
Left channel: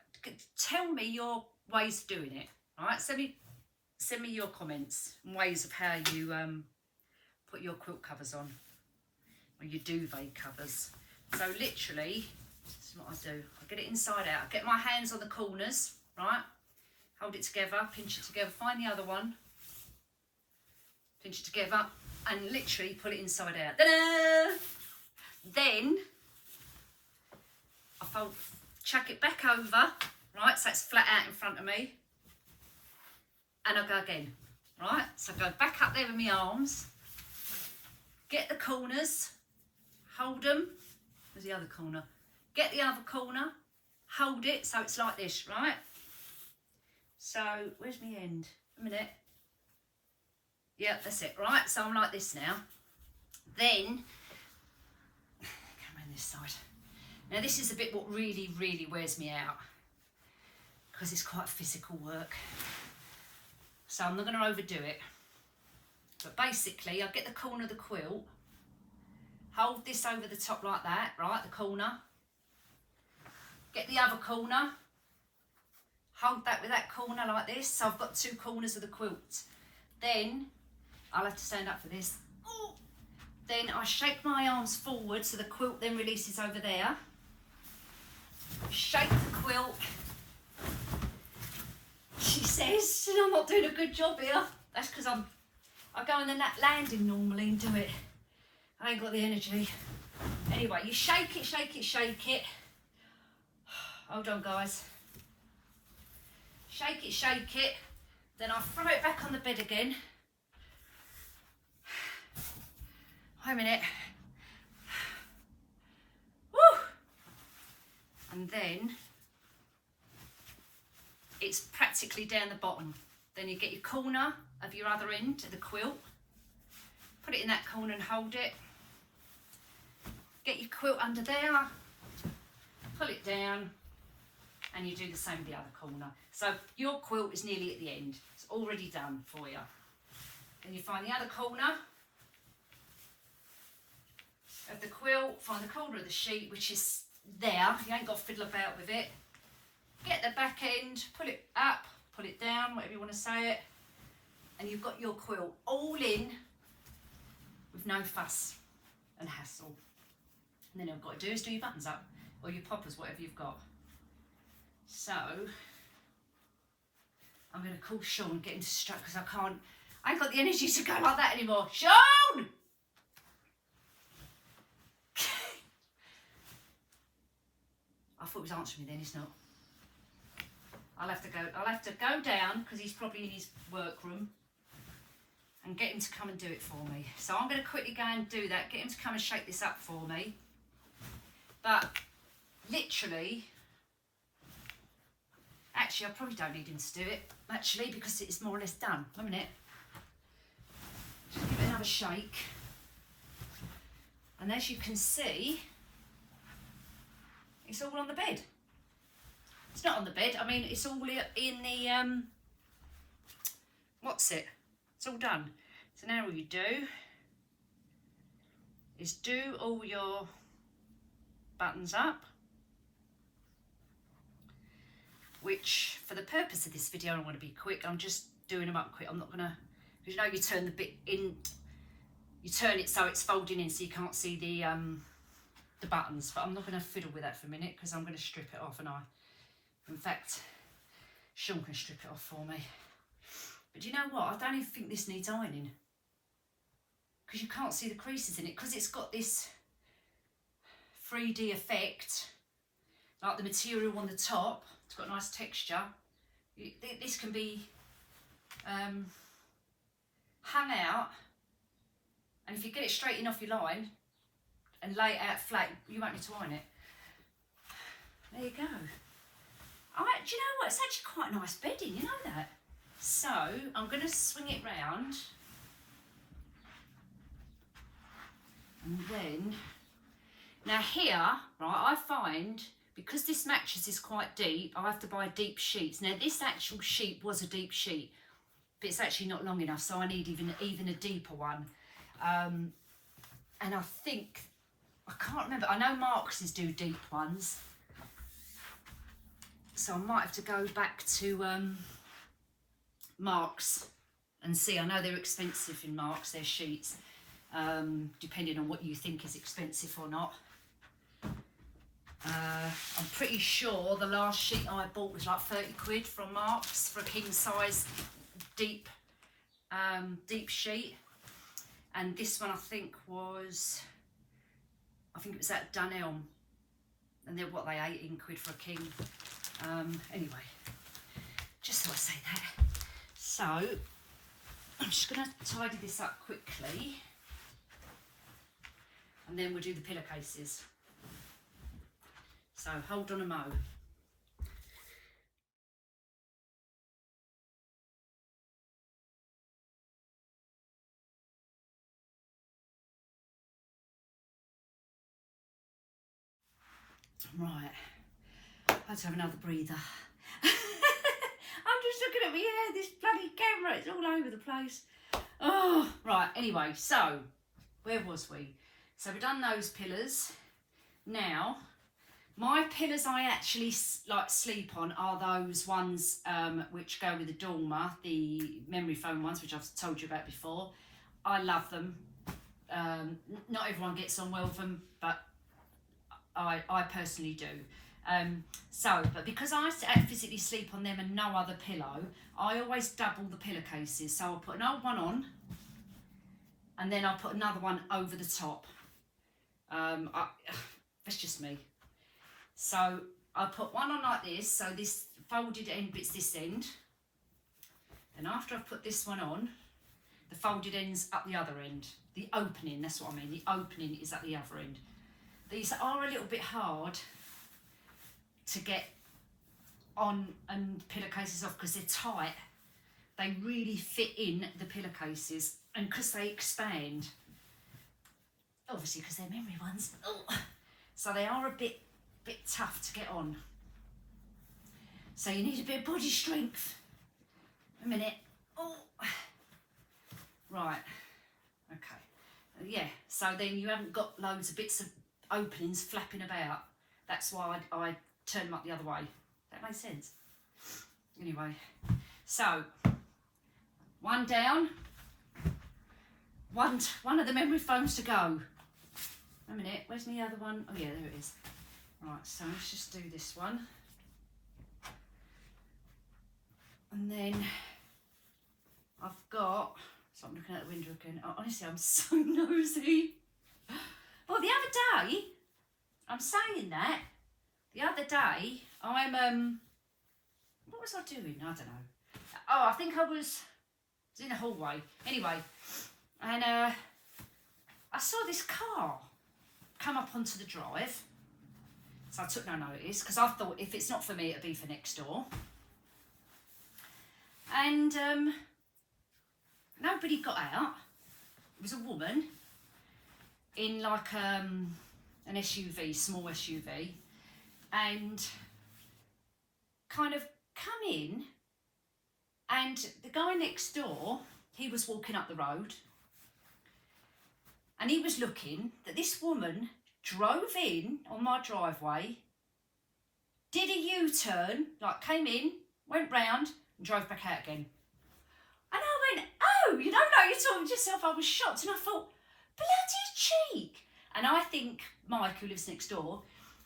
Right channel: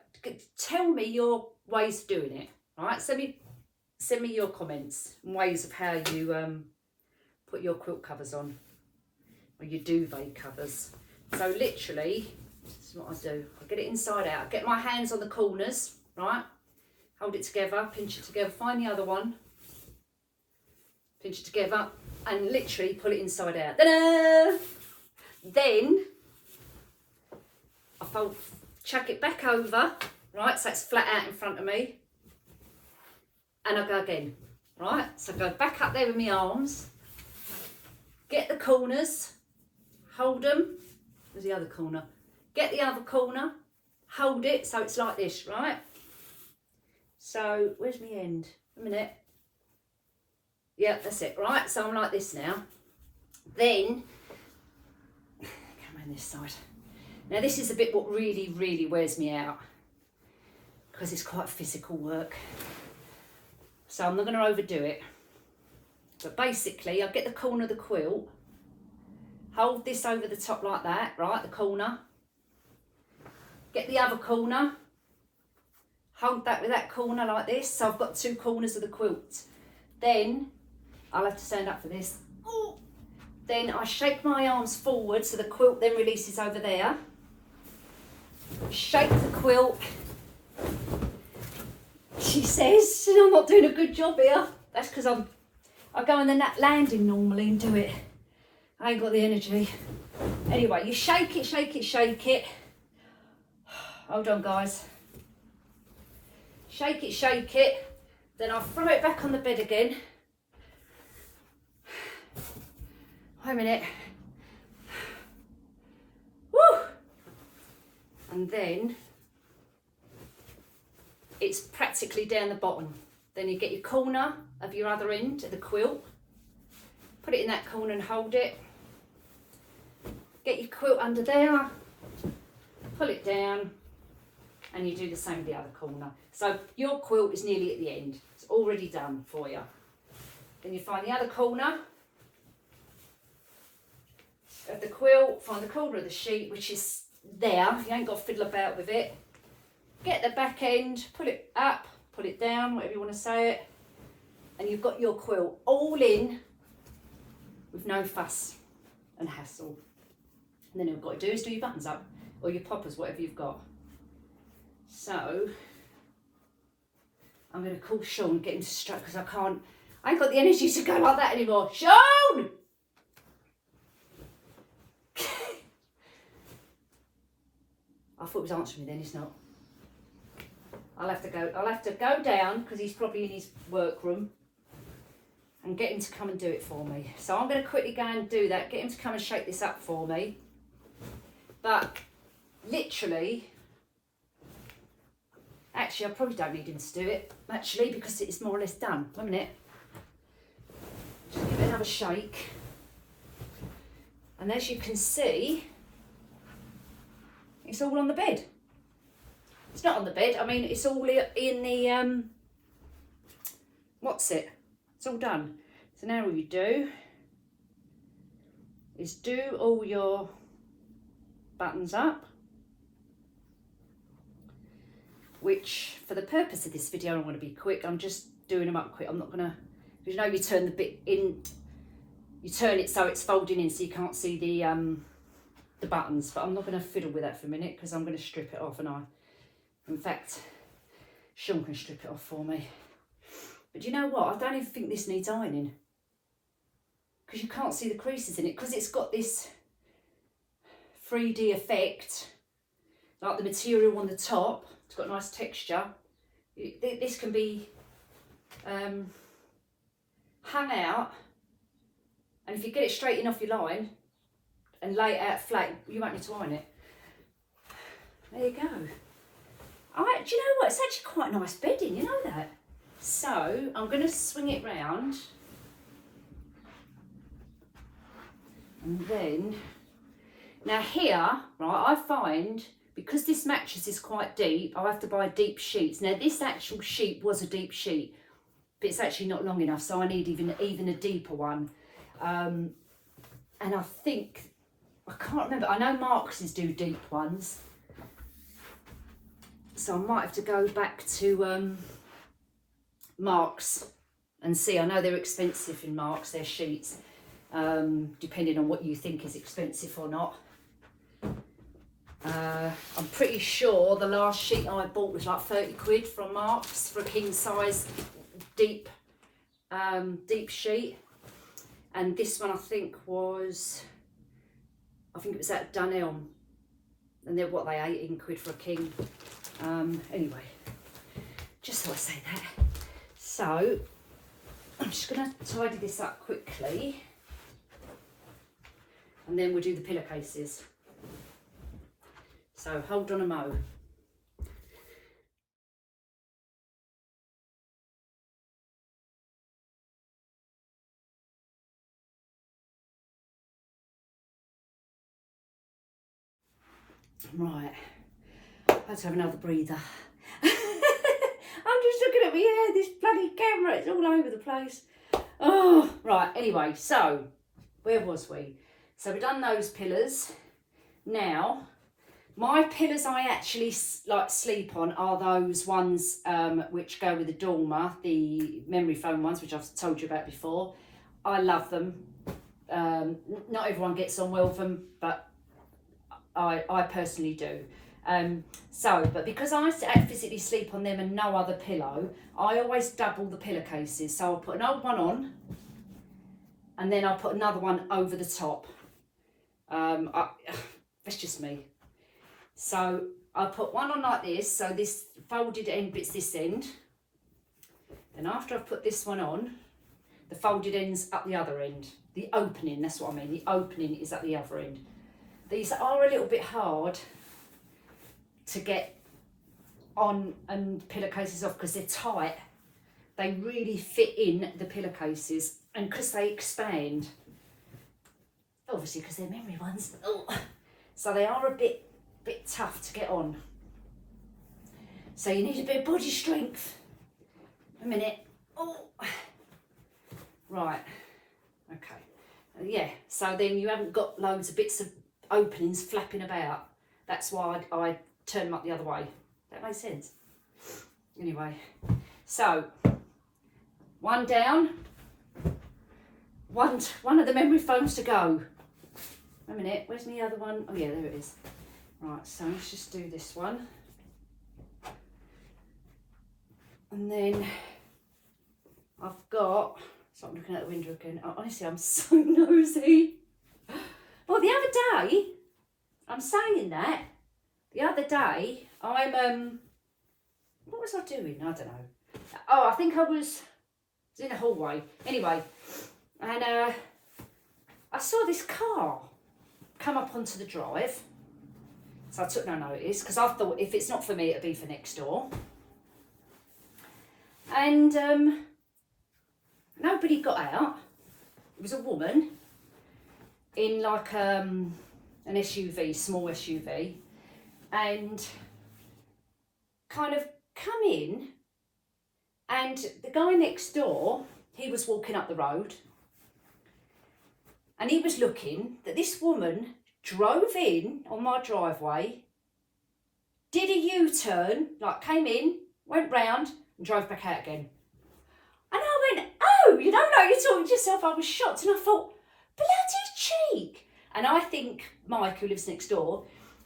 tell me your ways of doing it. All right, send me your comments and ways of how you put your quilt covers on, or your duvet covers. So literally, this is what I do. I get it inside out. I get my hands on the corners, right? Hold it together, pinch it together, find the other one, pinch it together, and literally pull it inside out. Ta-da! Then I chuck it back over, right, so it's flat out in front of me, and I go again, right, so I go back up there with my arms, get the corners, hold them, where's the other corner, get the other corner, hold it, so it's like this, right, so where's my end, a minute, yeah, that's it, right, so I'm like this now, then this side. Now this is the bit what really wears me out, because it's quite physical work, so I'm not going to overdo it. But basically I get the corner of the quilt, hold this over the top like that, right, the corner, get the other corner, hold that with that corner like this, so I've got two corners of the quilt. Then I'll have to stand up for this. Ooh. Then I shake my arms forward so the quilt then releases over there. Shake the quilt. She says, I'm not doing a good job here. That's because I go on the landing normally and do it. I ain't got the energy. Anyway, you shake it, shake it, shake it. Hold on, guys. Shake it. Then I'll throw it back on the bed again. Wait a minute. Woo! And then it's practically down the bottom. Then you get your corner of your other end of the quilt, put it in that corner and hold it. Get your quilt under there, pull it down, and you do the same with the other corner. So your quilt is nearly at the end. It's already done for you. Then you find the other corner of the quilt, find the corner of the sheet, which is there. You ain't got to fiddle about with it. Get the back end, put it up, put it down, whatever you want to say it, and you've got your quilt all in with no fuss and hassle. And then all you've got to do is do your buttons up. or your poppers, whatever you've got. So I'm going to call Sean and get him to strike because I ain't got the energy to go like that anymore. Sean! I thought he was answering me then, he's not. I'll have to go down because he's probably in his workroom and get him to come and do it for me. So I'm going to quickly go and do that, get him to come and shake this up for me. But literally, actually I probably don't need him to do it, actually, because it's more or less done. 1 minute. Just give it another shake. And as you can see, it's all on the bed. It's not on the bed, I mean, it's all in the, what's it? It's all done. So now all you do is do all your buttons up, which for the purpose of this video, I want to be quick. I'm just doing them up quick. I'm not gonna, you know, you turn the bit in, you turn it so it's folding in so you can't see the buttons, but I'm not gonna fiddle with that for a minute because I'm gonna strip it off, and in fact, Sean can strip it off for me. But you know what? I don't even think this needs ironing because you can't see the creases in it because it's got this 3D effect, like the material on the top. It's got nice texture. This can be hung out, and if you get it straight in off your line and lay it out flat, you won't need to iron it. There you go. Do you know what? It's actually quite nice bedding, you know that? So I'm going to swing it round, and then, now here, right, I find, because this mattress is quite deep, I'll have to buy deep sheets. Now this actual sheet was a deep sheet, but it's actually not long enough, so I need even a deeper one. And I think, I can't remember, I know Marks's do deep ones, so I might have to go back to Marks and see. I know they're expensive in Marks, their sheets, depending on what you think is expensive or not. I'm pretty sure the last sheet I bought was like 30 quid from Marks for a king size deep sheet, and this one I think it was at Dunelm, and they're what, they 18 quid for a king. Anyway, just so I say that. So I'm just going to tidy this up quickly, and then we'll do the pillowcases. So hold on a mo. Right, I had to have another breather. I'm just looking at me hair, this bloody camera, it's all over the place. Oh, right, anyway, so where was we? So we've done those pillars. Now, my pillows I actually like sleep on are those ones which go with the dormer, the memory foam ones, which I've told you about before. I love them. Not everyone gets on well with them, but I personally do. But because I physically sleep on them and no other pillow, I always double the pillowcases. So I'll put an old one on, and then I'll put another one over the top. That's just me. So I'll put one on like this, so this folded end bit's this end. And after I've put this one on, the folded end's up the other end. The opening, that's what I mean, the opening is at the other end. These are a little bit hard to get on and pillowcases off because they're tight. They really fit in the pillowcases, and because they expand, obviously because they're memory ones, so they are a bit tough to get on. So you need a bit of body strength. A minute. Oh, right. Okay. Yeah. So then you haven't got loads of bits of openings flapping about. That's why I turn them up the other way. That makes sense. Anyway, so one down, one of the memory foams to go. A minute, where's the other one? Oh yeah, there it is. Right, so let's just do this one. And then I've got, so I'm looking out the window again. Oh, honestly, I'm so nosy. Well, the other day, I'm saying that, the other day, what was I doing? I don't know. Oh, I think I was in the hallway. Anyway, and I saw this car come up onto the drive. So I took no notice because I thought if it's not for me, it'll be for next door. And nobody got out. It was a woman in like an SUV, small SUV, and kind of come in, and the guy next door, he was walking up the road, and he was looking that this woman drove in on my driveway, did a U-turn, like came in, went round and drove back out again. And I went, oh, you don't know, you're talking to yourself. I was shocked and I thought, bloody cheek. And I think Mike, who lives next door,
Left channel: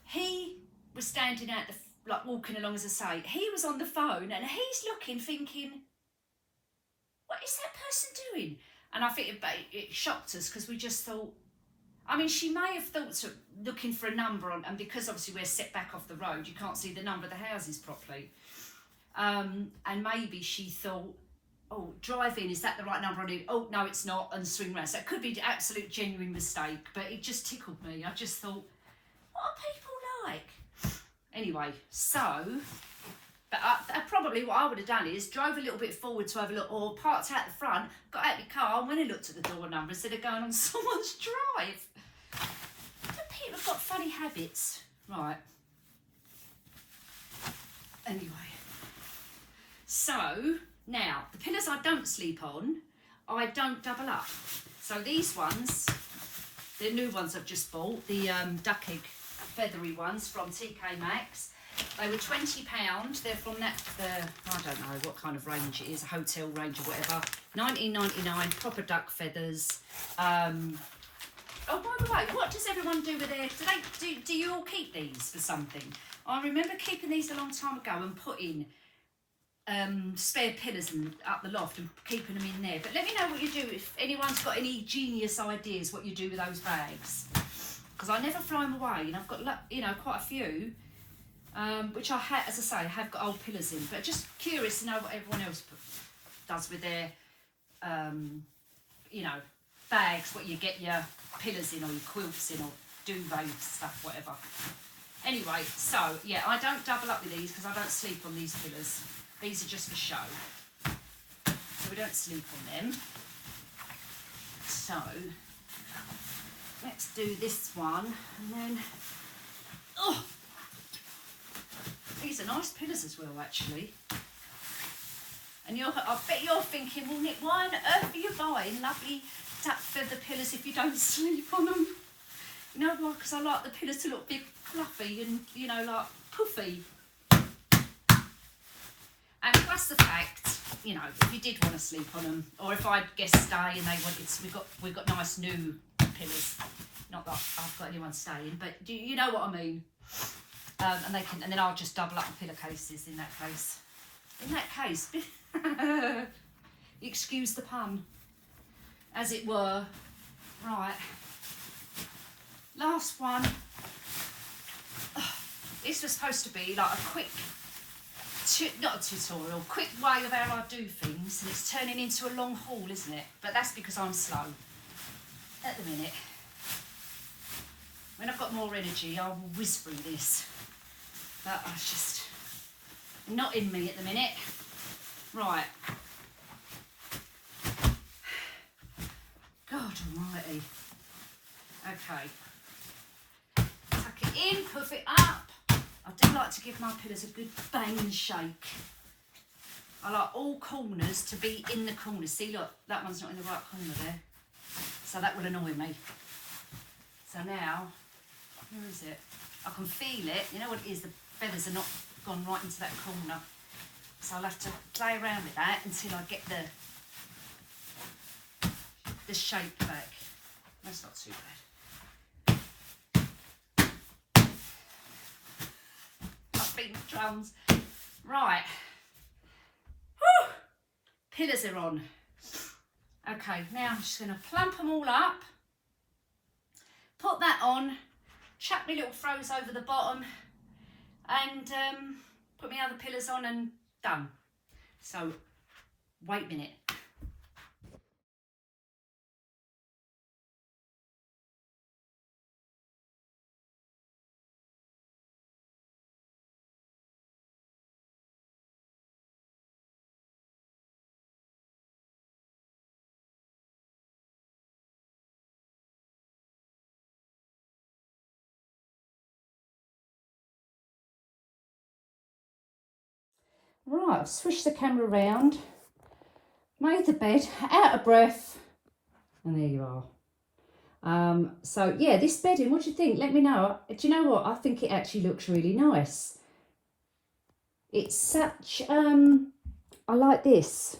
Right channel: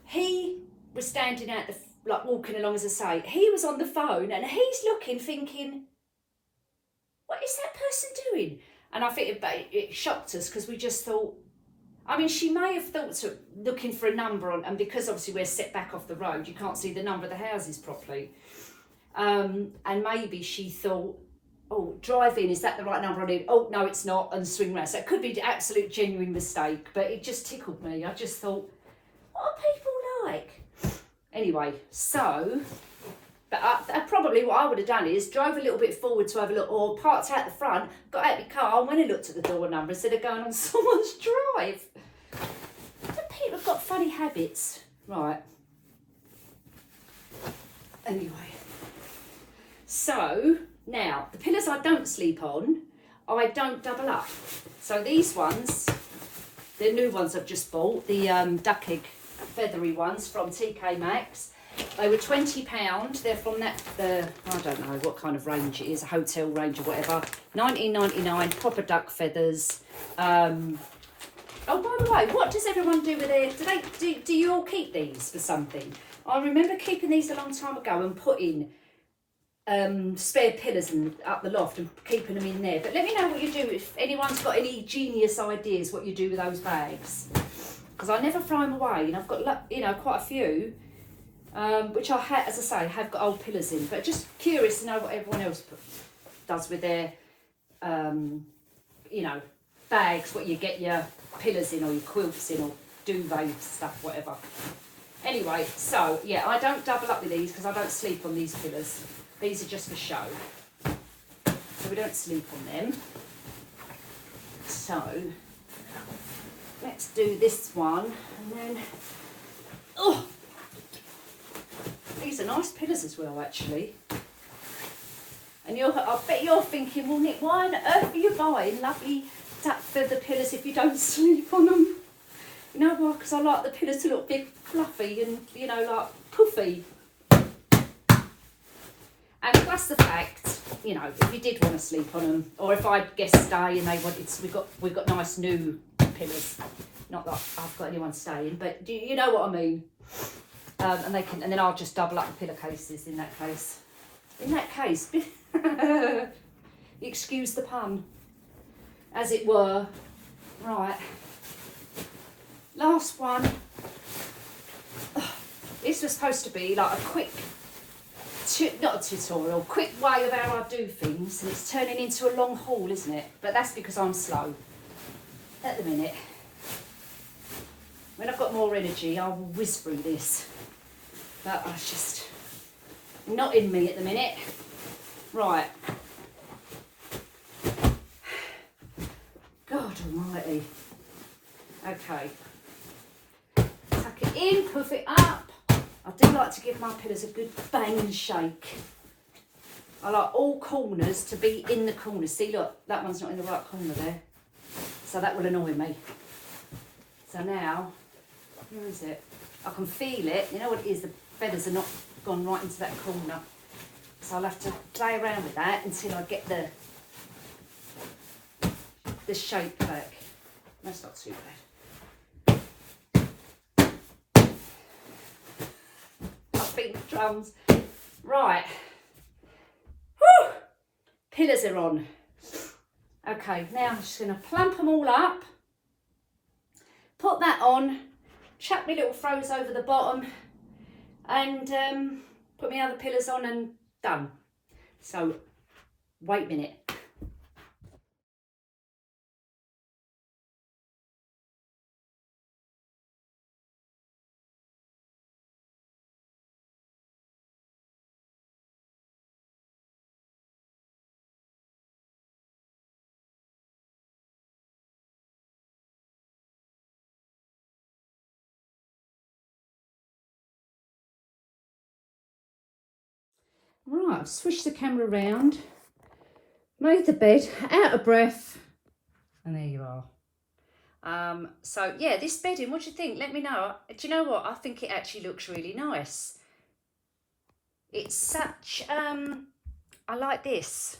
he was standing out like walking along, as I say, he was on the phone and he's looking, thinking, what is that person doing? And I think it shocked us because we just thought, I mean, she may have thought looking for a number on, and because obviously we're set back off the road, you can't see the number of the houses properly. And maybe she thought, oh, drive in, is that the right number I need? Oh, no, it's not, and swing round. So it could be an absolute genuine mistake, but it just tickled me. I just thought, what are people like? Anyway, so, but probably what I would have done is drove a little bit forward to have a look, or parked out the front, got out the car, and went and looked at the door number instead of going on someone's drive. But people have got funny habits. Right. Anyway. So, now, the pillows I don't sleep on, I don't double up. So these ones, the new ones I've just bought, the duck egg feathery ones from TK Maxx. They were £20. They're from I don't know what kind of range it is, a hotel range or whatever. £19.99, proper duck feathers. Oh, by the way, what does everyone do with their, do you all keep these for something? I remember keeping these a long time ago and putting spare pillows up the loft and keeping them in there. But let me know what you do, if anyone's got any genius ideas what you do with those bags. Because I never throw them away, and I've got, you know, quite a few. Which I had, as I say, have got old pillows in, but just curious to know what everyone else does with their, you know, bags, what you get your pillows in or your quilts in or duvet stuff, whatever. Anyway, so yeah, I don't double up with these because I don't sleep on these pillows. These are just for show, so we don't sleep on them. So let's do this one, and then, oh, these are nice pillows as well, actually. And I bet you're thinking, well, Nick, why on earth are you buying lovely duck feather pillows if you don't sleep on them? You know why? Because I like the pillows to look big, fluffy, and, you know, like puffy. And plus the fact, you know, if you did want to sleep on them, or if I had guests stay and they wanted, we've got nice new pillows. Not that I've got anyone staying, but you know what I mean. And then I'll just double up the pillowcases in that case. In that case, excuse the pun, as it were. Right. Last one. Oh, this was supposed to be like a quick, not a tutorial, quick way of how I do things, and it's turning into a long haul, isn't it? But that's because I'm slow at the minute. When I've got more energy, I will whiz through this. But it's just not in me at the minute. Right. God almighty. Okay. Tuck it in, puff it up. I do like to give my pillows a good bang shake. I like all corners to be in the corners. See, look, that one's not in the right corner there. So that will annoy me. So now, where is it? I can feel it. You know what it is? The feathers are not gone right into that corner. So I'll have to play around with that until I get the shape back. That's not too bad. beat the drums. Right. Whew. Pillars are on. Okay, now I'm just going to plump them all up. Put that on. Chuck my little throws over the bottom. And put my other pillars on and done. So, wait a minute. Right, I've switched the camera around, made the bed, out of breath, and there you are. So yeah, this bedding, what do you think? Let me know. Do you know what? I think it actually looks really nice. It's such, I like this.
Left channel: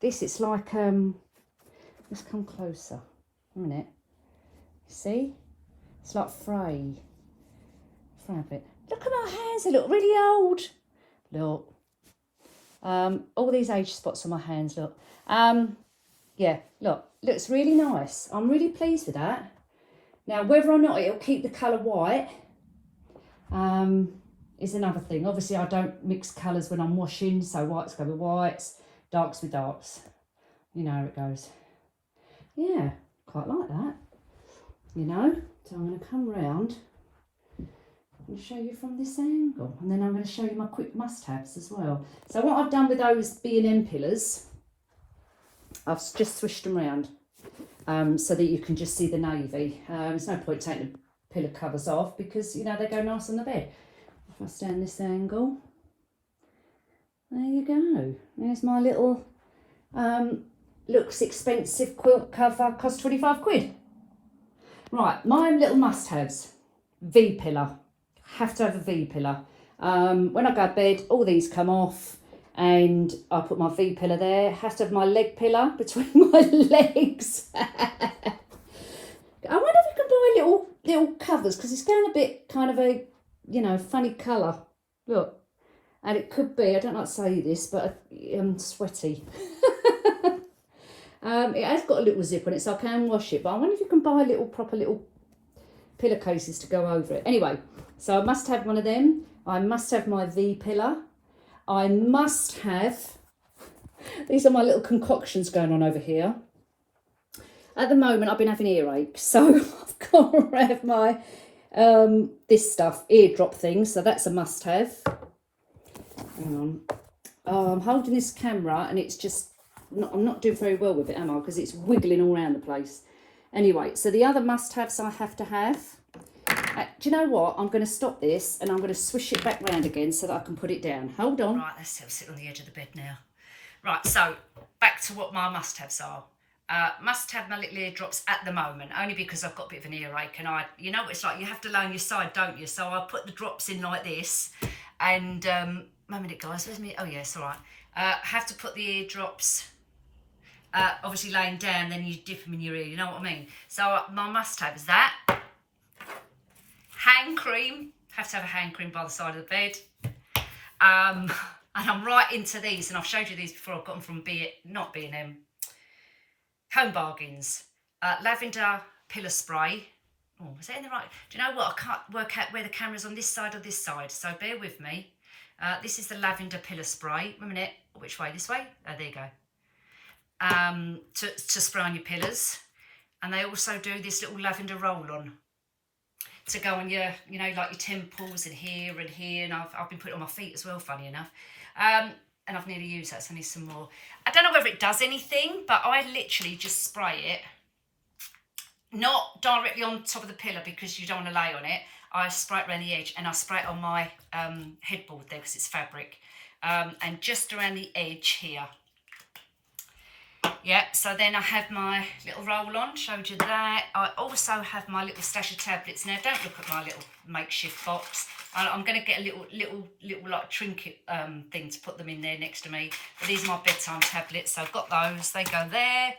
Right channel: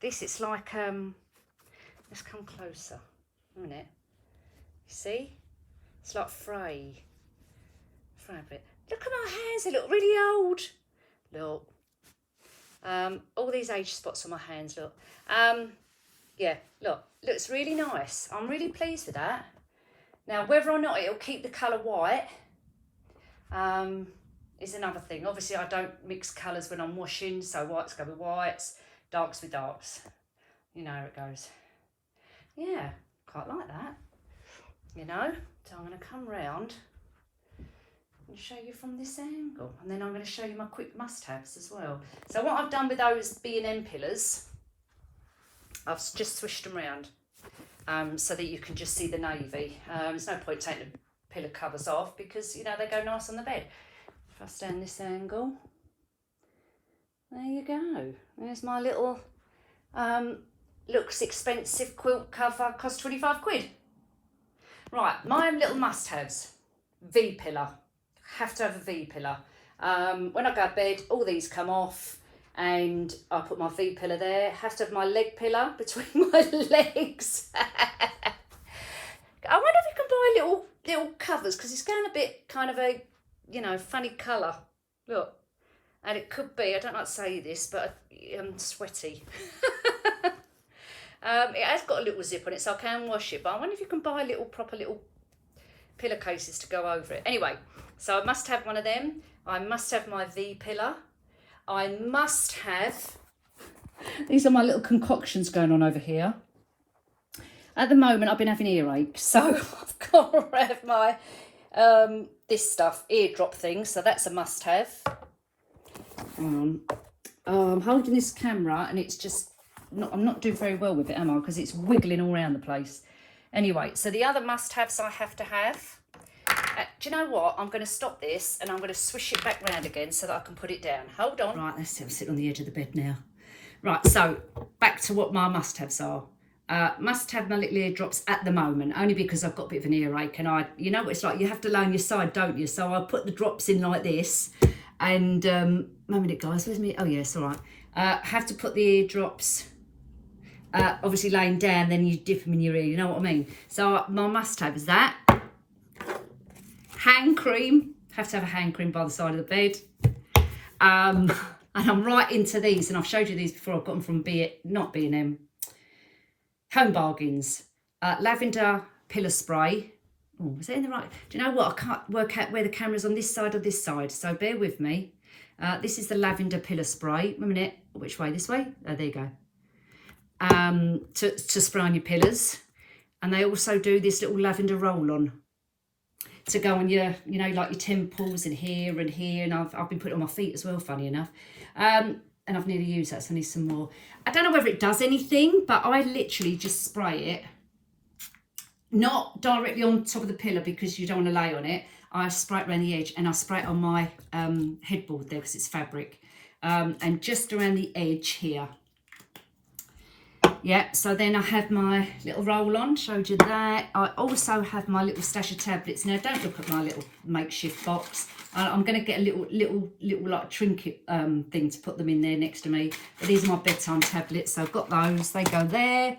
This, it's like, let's come closer, a minute. You see? It's like fray fabric. Look at my hands, they look really old. Look. All these age spots on my hands, look. Yeah, look, looks really nice. I'm really pleased with that. Now, whether or not it'll keep the colour white is another thing. Obviously, I don't mix colours when I'm washing, so whites go with whites, darks with darks. You know how it goes. Yeah, quite like that, you know. So I'm going to come round and show you from this angle, and then I'm going to show you my quick must-haves as well. So what I've done with those B&M pillars, I've just swished them around so that you can just see the navy. There's no point taking the pillow covers off because, you know, they go nice on the bed. If I stand this angle, there you go. There's my little, looks expensive quilt cover, cost 25 quid. Right, my little must-haves. V-pillar. Have to have a V-pillar. When I go to bed, all these come off and I put my V-pillar there. Has to have my leg pillar between my legs. I wonder if you can buy little covers because it's going a bit kind of a, you know, funny colour. Look. And it could be, I don't like to say this, but I'm sweaty. It has got a little zip on it so I can wash it, but I wonder if you can buy proper little pillowcases to go over it. Anyway, so I must have one of them. I must have my V pillar. I must have, these are my little concoctions going on over here. At the moment, I've been having earache, so I've got to have my, this stuff, eardrop thing, so that's a must have. Hang on. Oh, I'm holding this camera and it's just, I'm not doing very well with it, am I? Because it's wiggling all around the place. Anyway, so the other must-haves I have to have. Do you know what? I'm going to stop this and I'm going to swish it back round again so that I can put it down. Hold on. Right, let's see. I'm sitting on the edge of the bed now. Right, so back to what my must-haves are. Must have my little eardrops at the moment, only because I've got a bit of an earache and you know what it's like, you have to lay on your side, don't you? So I put the drops in like this and, a minute guys, where's me? Oh yeah, it's all right. Have to put the eardrops obviously laying down, then you dip them in your ear, you know what I mean? So my must-have is that. Hand cream, have to have a hand cream by the side of the bed. And I'm right into these, and I've showed you these before. I've got them from not B&M, Home Bargains. Lavender pillow spray. Oh, was that in the right? Do you know what? I can't work out where the camera's on this side or this side, so bear with me. This is the lavender pillow spray. Wait a minute, which way? This way? Oh, there you go. To spray on your pillows, and they also do this little lavender roll-on to go on your, you know, like your temples and here, and I've been putting it on my feet as well, funny enough. And I've nearly used that, so I need some more. I don't know whether it does anything, but I literally just spray it, not directly on top of the pillow because you don't want to lay on it. I spray it around the edge, and I spray it on my headboard there because it's fabric, and just around the edge here. Yeah, so then I have my little roll-on, showed you that. I also have my little stash of tablets. Now, don't look at my little makeshift box. I'm going to get a little like trinket thing to put them in there next to me. But these are my bedtime tablets, so I've got those. They go there.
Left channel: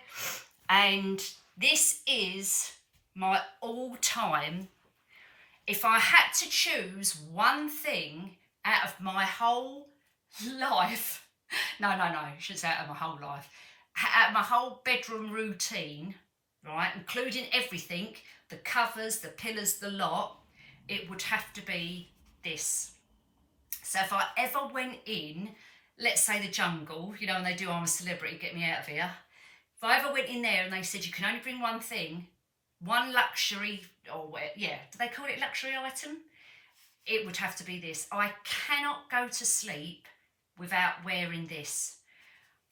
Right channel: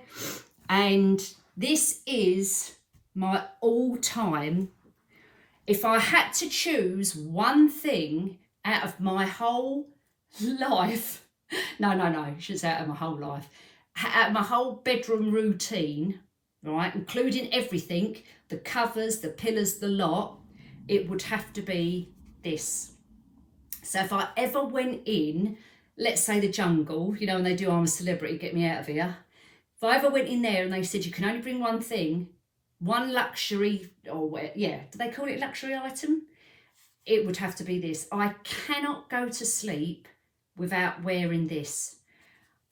And this is my all-time If I had to choose one thing out of my whole life, no, I shouldn't say out of my whole life, out of my whole bedroom routine, right, including everything, the covers, the pillows, the lot, it would have to be this. So if I ever went in, let's say the jungle, you know, and they do I'm a Celebrity, get me out of here. If I ever went in there and they said you can only bring one thing, one luxury, or yeah, do they call it luxury item? It would have to be this. I cannot go to sleep without wearing this.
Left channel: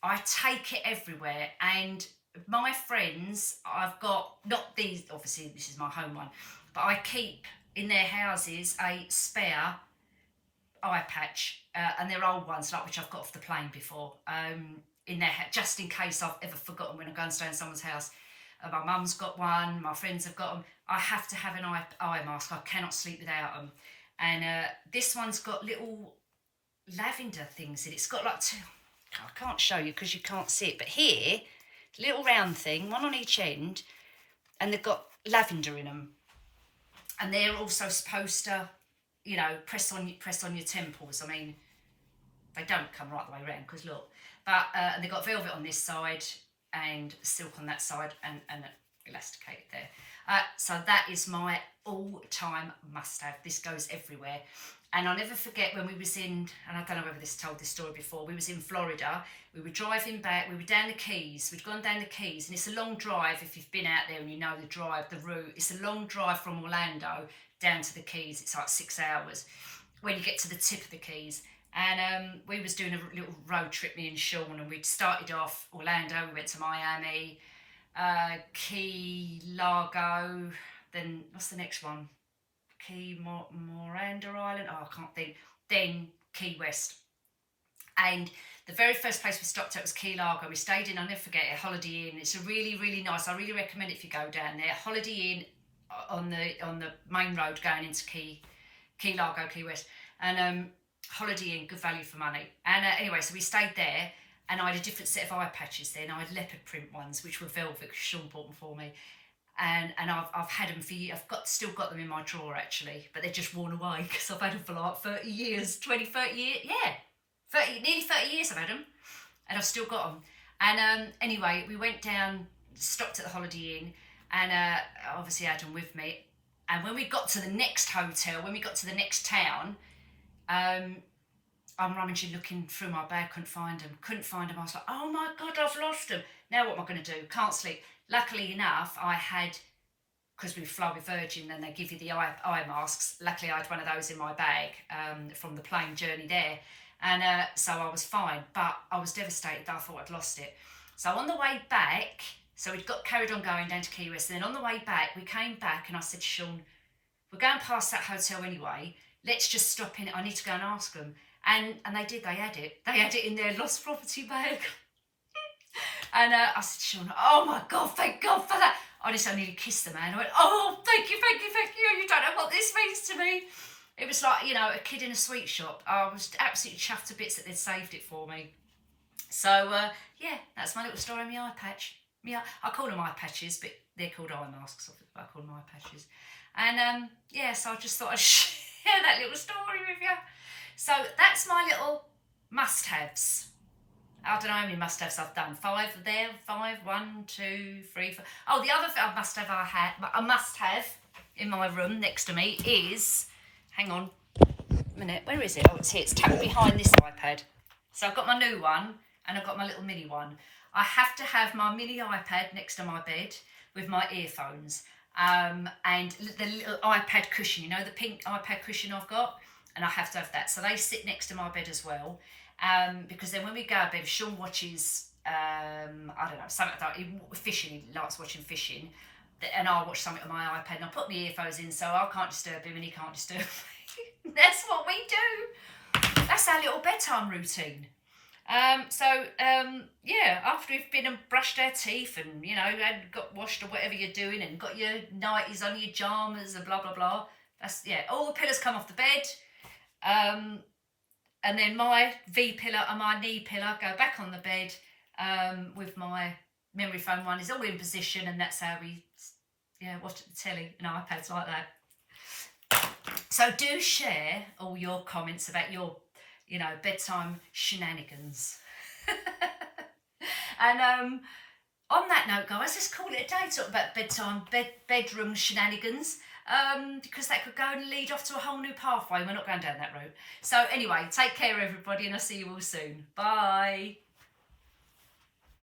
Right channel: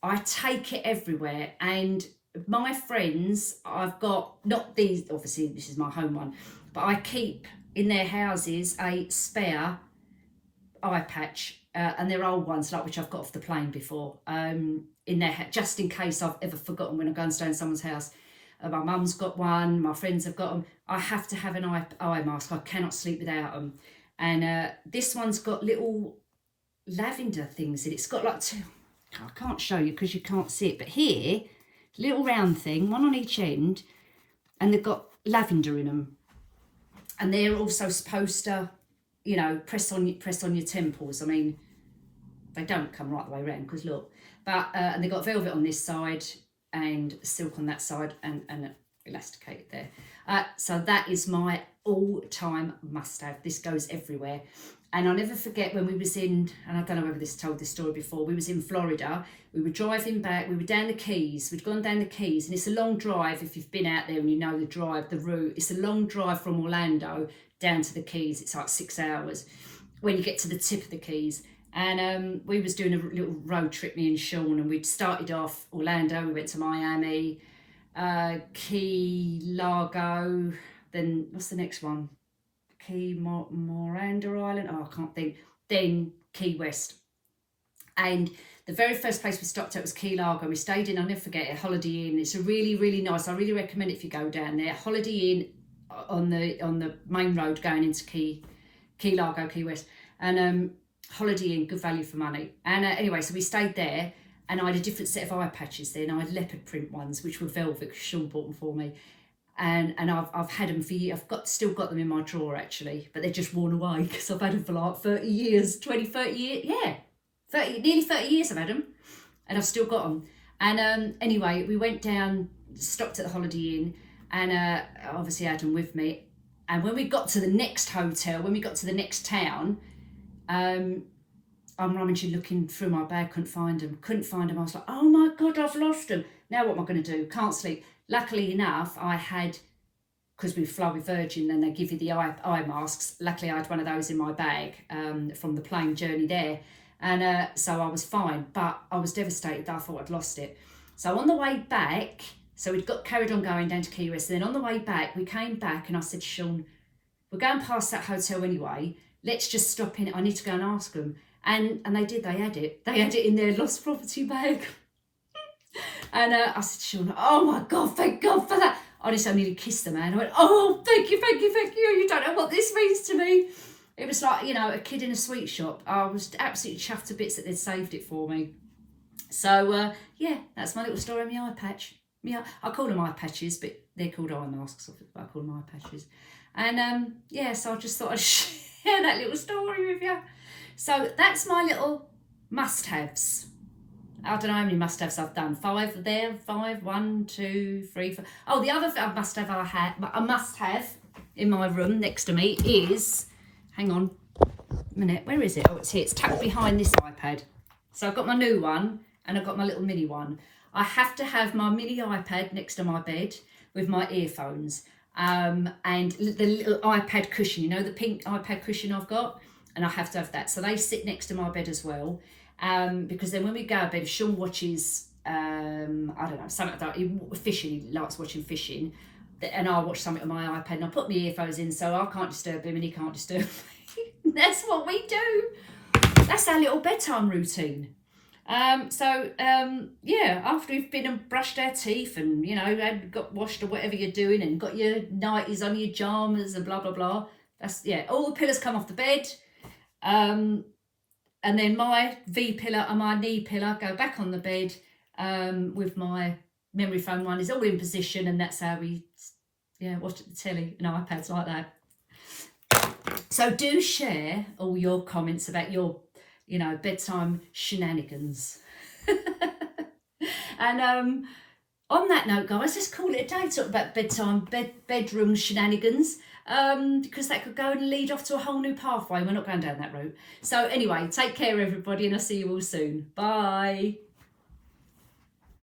I take it everywhere, and my friends, I've got, not these, obviously this is my home one, but I keep in their houses a spare eye patch, and they're old ones, like which I've got off the plane before, in their just in case I've ever forgotten when I go and stay in someone's house. My mum's got one, my friends have got them. I have to have an eye mask. I cannot sleep without them. And this one's got little lavender things in it. It's got like two, I can't show you because you can't see it, but here, little round thing, one on each end, and they've got lavender in them. And they're also supposed to, you know, press on your temples. I mean, they don't come right the way around because look, but and they've got velvet on this side and silk on that side, and elasticated there. So that is my all-time must-have. This goes everywhere. And I'll never forget when we was in, and I don't know whether this told this story before, we was in Florida, we were driving back, we were down the Keys, we'd gone down the Keys, and it's a long drive if you've been out there and you know the drive, the route. It's a long drive from Orlando down to the Keys. It's like 6 hours when you get to the tip of the Keys. And we was doing a little road trip, me and Sean, and we'd started off Orlando, we went to Miami, Key Largo, then what's the next one? Key Miranda Island, oh I can't think, then Key West. And the very first place we stopped at was Key Largo. We stayed in, I'll never forget it, Holiday Inn. It's a really, really nice, I really recommend it if you go down there. Holiday Inn on the main road going into Key Largo, Key West. And Holiday Inn, good value for money. And anyway, so we stayed there, and I had a different set of eye patches then. I had leopard print ones, which were velvet, because Sean bought them for me. And I've had them for years. Still got them in my drawer actually, but they're just worn away because I've had them for like 30 years, 30 years, yeah. Nearly 30 years I've had them, and I've still got them. And anyway, we went down, stopped at the Holiday Inn, and obviously had them with me. And when we got to the next hotel, when we got to the next town, I'm rummaging, looking through my bag, couldn't find them. I was like, oh my God, I've lost them. Now what am I going to do? Can't sleep. Luckily enough, I had, because we fly with Virgin, then they give you the eye masks. Luckily, I had one of those in my bag from the plane journey there. And so I was fine, but I was devastated that I thought I'd lost it. So on the way back, so we'd got carried on going down to Key West. And then on the way back, we came back and I said to Sean, we're going past that hotel anyway. Let's just stop in it. I need to go and ask them. And they did, they had it. They had it in their lost property bag. And I said to Sean, oh my God, thank God for that. Honestly, I nearly kissed the man. I went, oh, thank you. You don't know what this means to me. It was like, you know, a kid in a sweet shop. I was absolutely chuffed to bits that they'd saved it for me. So, yeah, that's my little story on my eye patch. Yeah, I call them eye patches, but they're called eye masks. I call them eye patches. And, yeah, so I just thought I'd share that little story with you. So that's my little must-haves. I don't know how many must-haves I've done. 5 there, 5, 1, 2, 3, 4. Oh, the other I must have in my room next to me is, hang on a minute, where is it? Oh, it's here. It's tucked behind this iPad. So I've got my new one and I've got my little mini one. I have to have my mini iPad next to my bed with my earphones and the little iPad cushion, you know, the pink iPad cushion I've got, and I have to have that. So they sit next to my bed as well. Because then when we go to bed, Sean watches, I don't know, something like that, fishing, he likes watching fishing, and I'll watch something on my iPad, and I'll put my earphones in so I can't disturb him and he can't disturb me. That's what we do. That's our little bedtime routine. Yeah, after we've been and brushed our teeth and, you know, and got washed or whatever you're doing and got your nighties on, your pyjamas and blah, blah, blah, that's, yeah, all the pillows come off the bed. And then my V pillow and my knee pillow go back on the bed with my memory foam one is all in position, and that's how we, yeah, watch the telly and iPads like that. So do share all your comments about your, bedtime shenanigans. And on that note, guys, let's call it a day. Talk about bedtime, bedroom shenanigans, because that could go and lead off to a whole new pathway. We're not going down that route. So anyway, take care, everybody, and I'll see you all soon. Bye.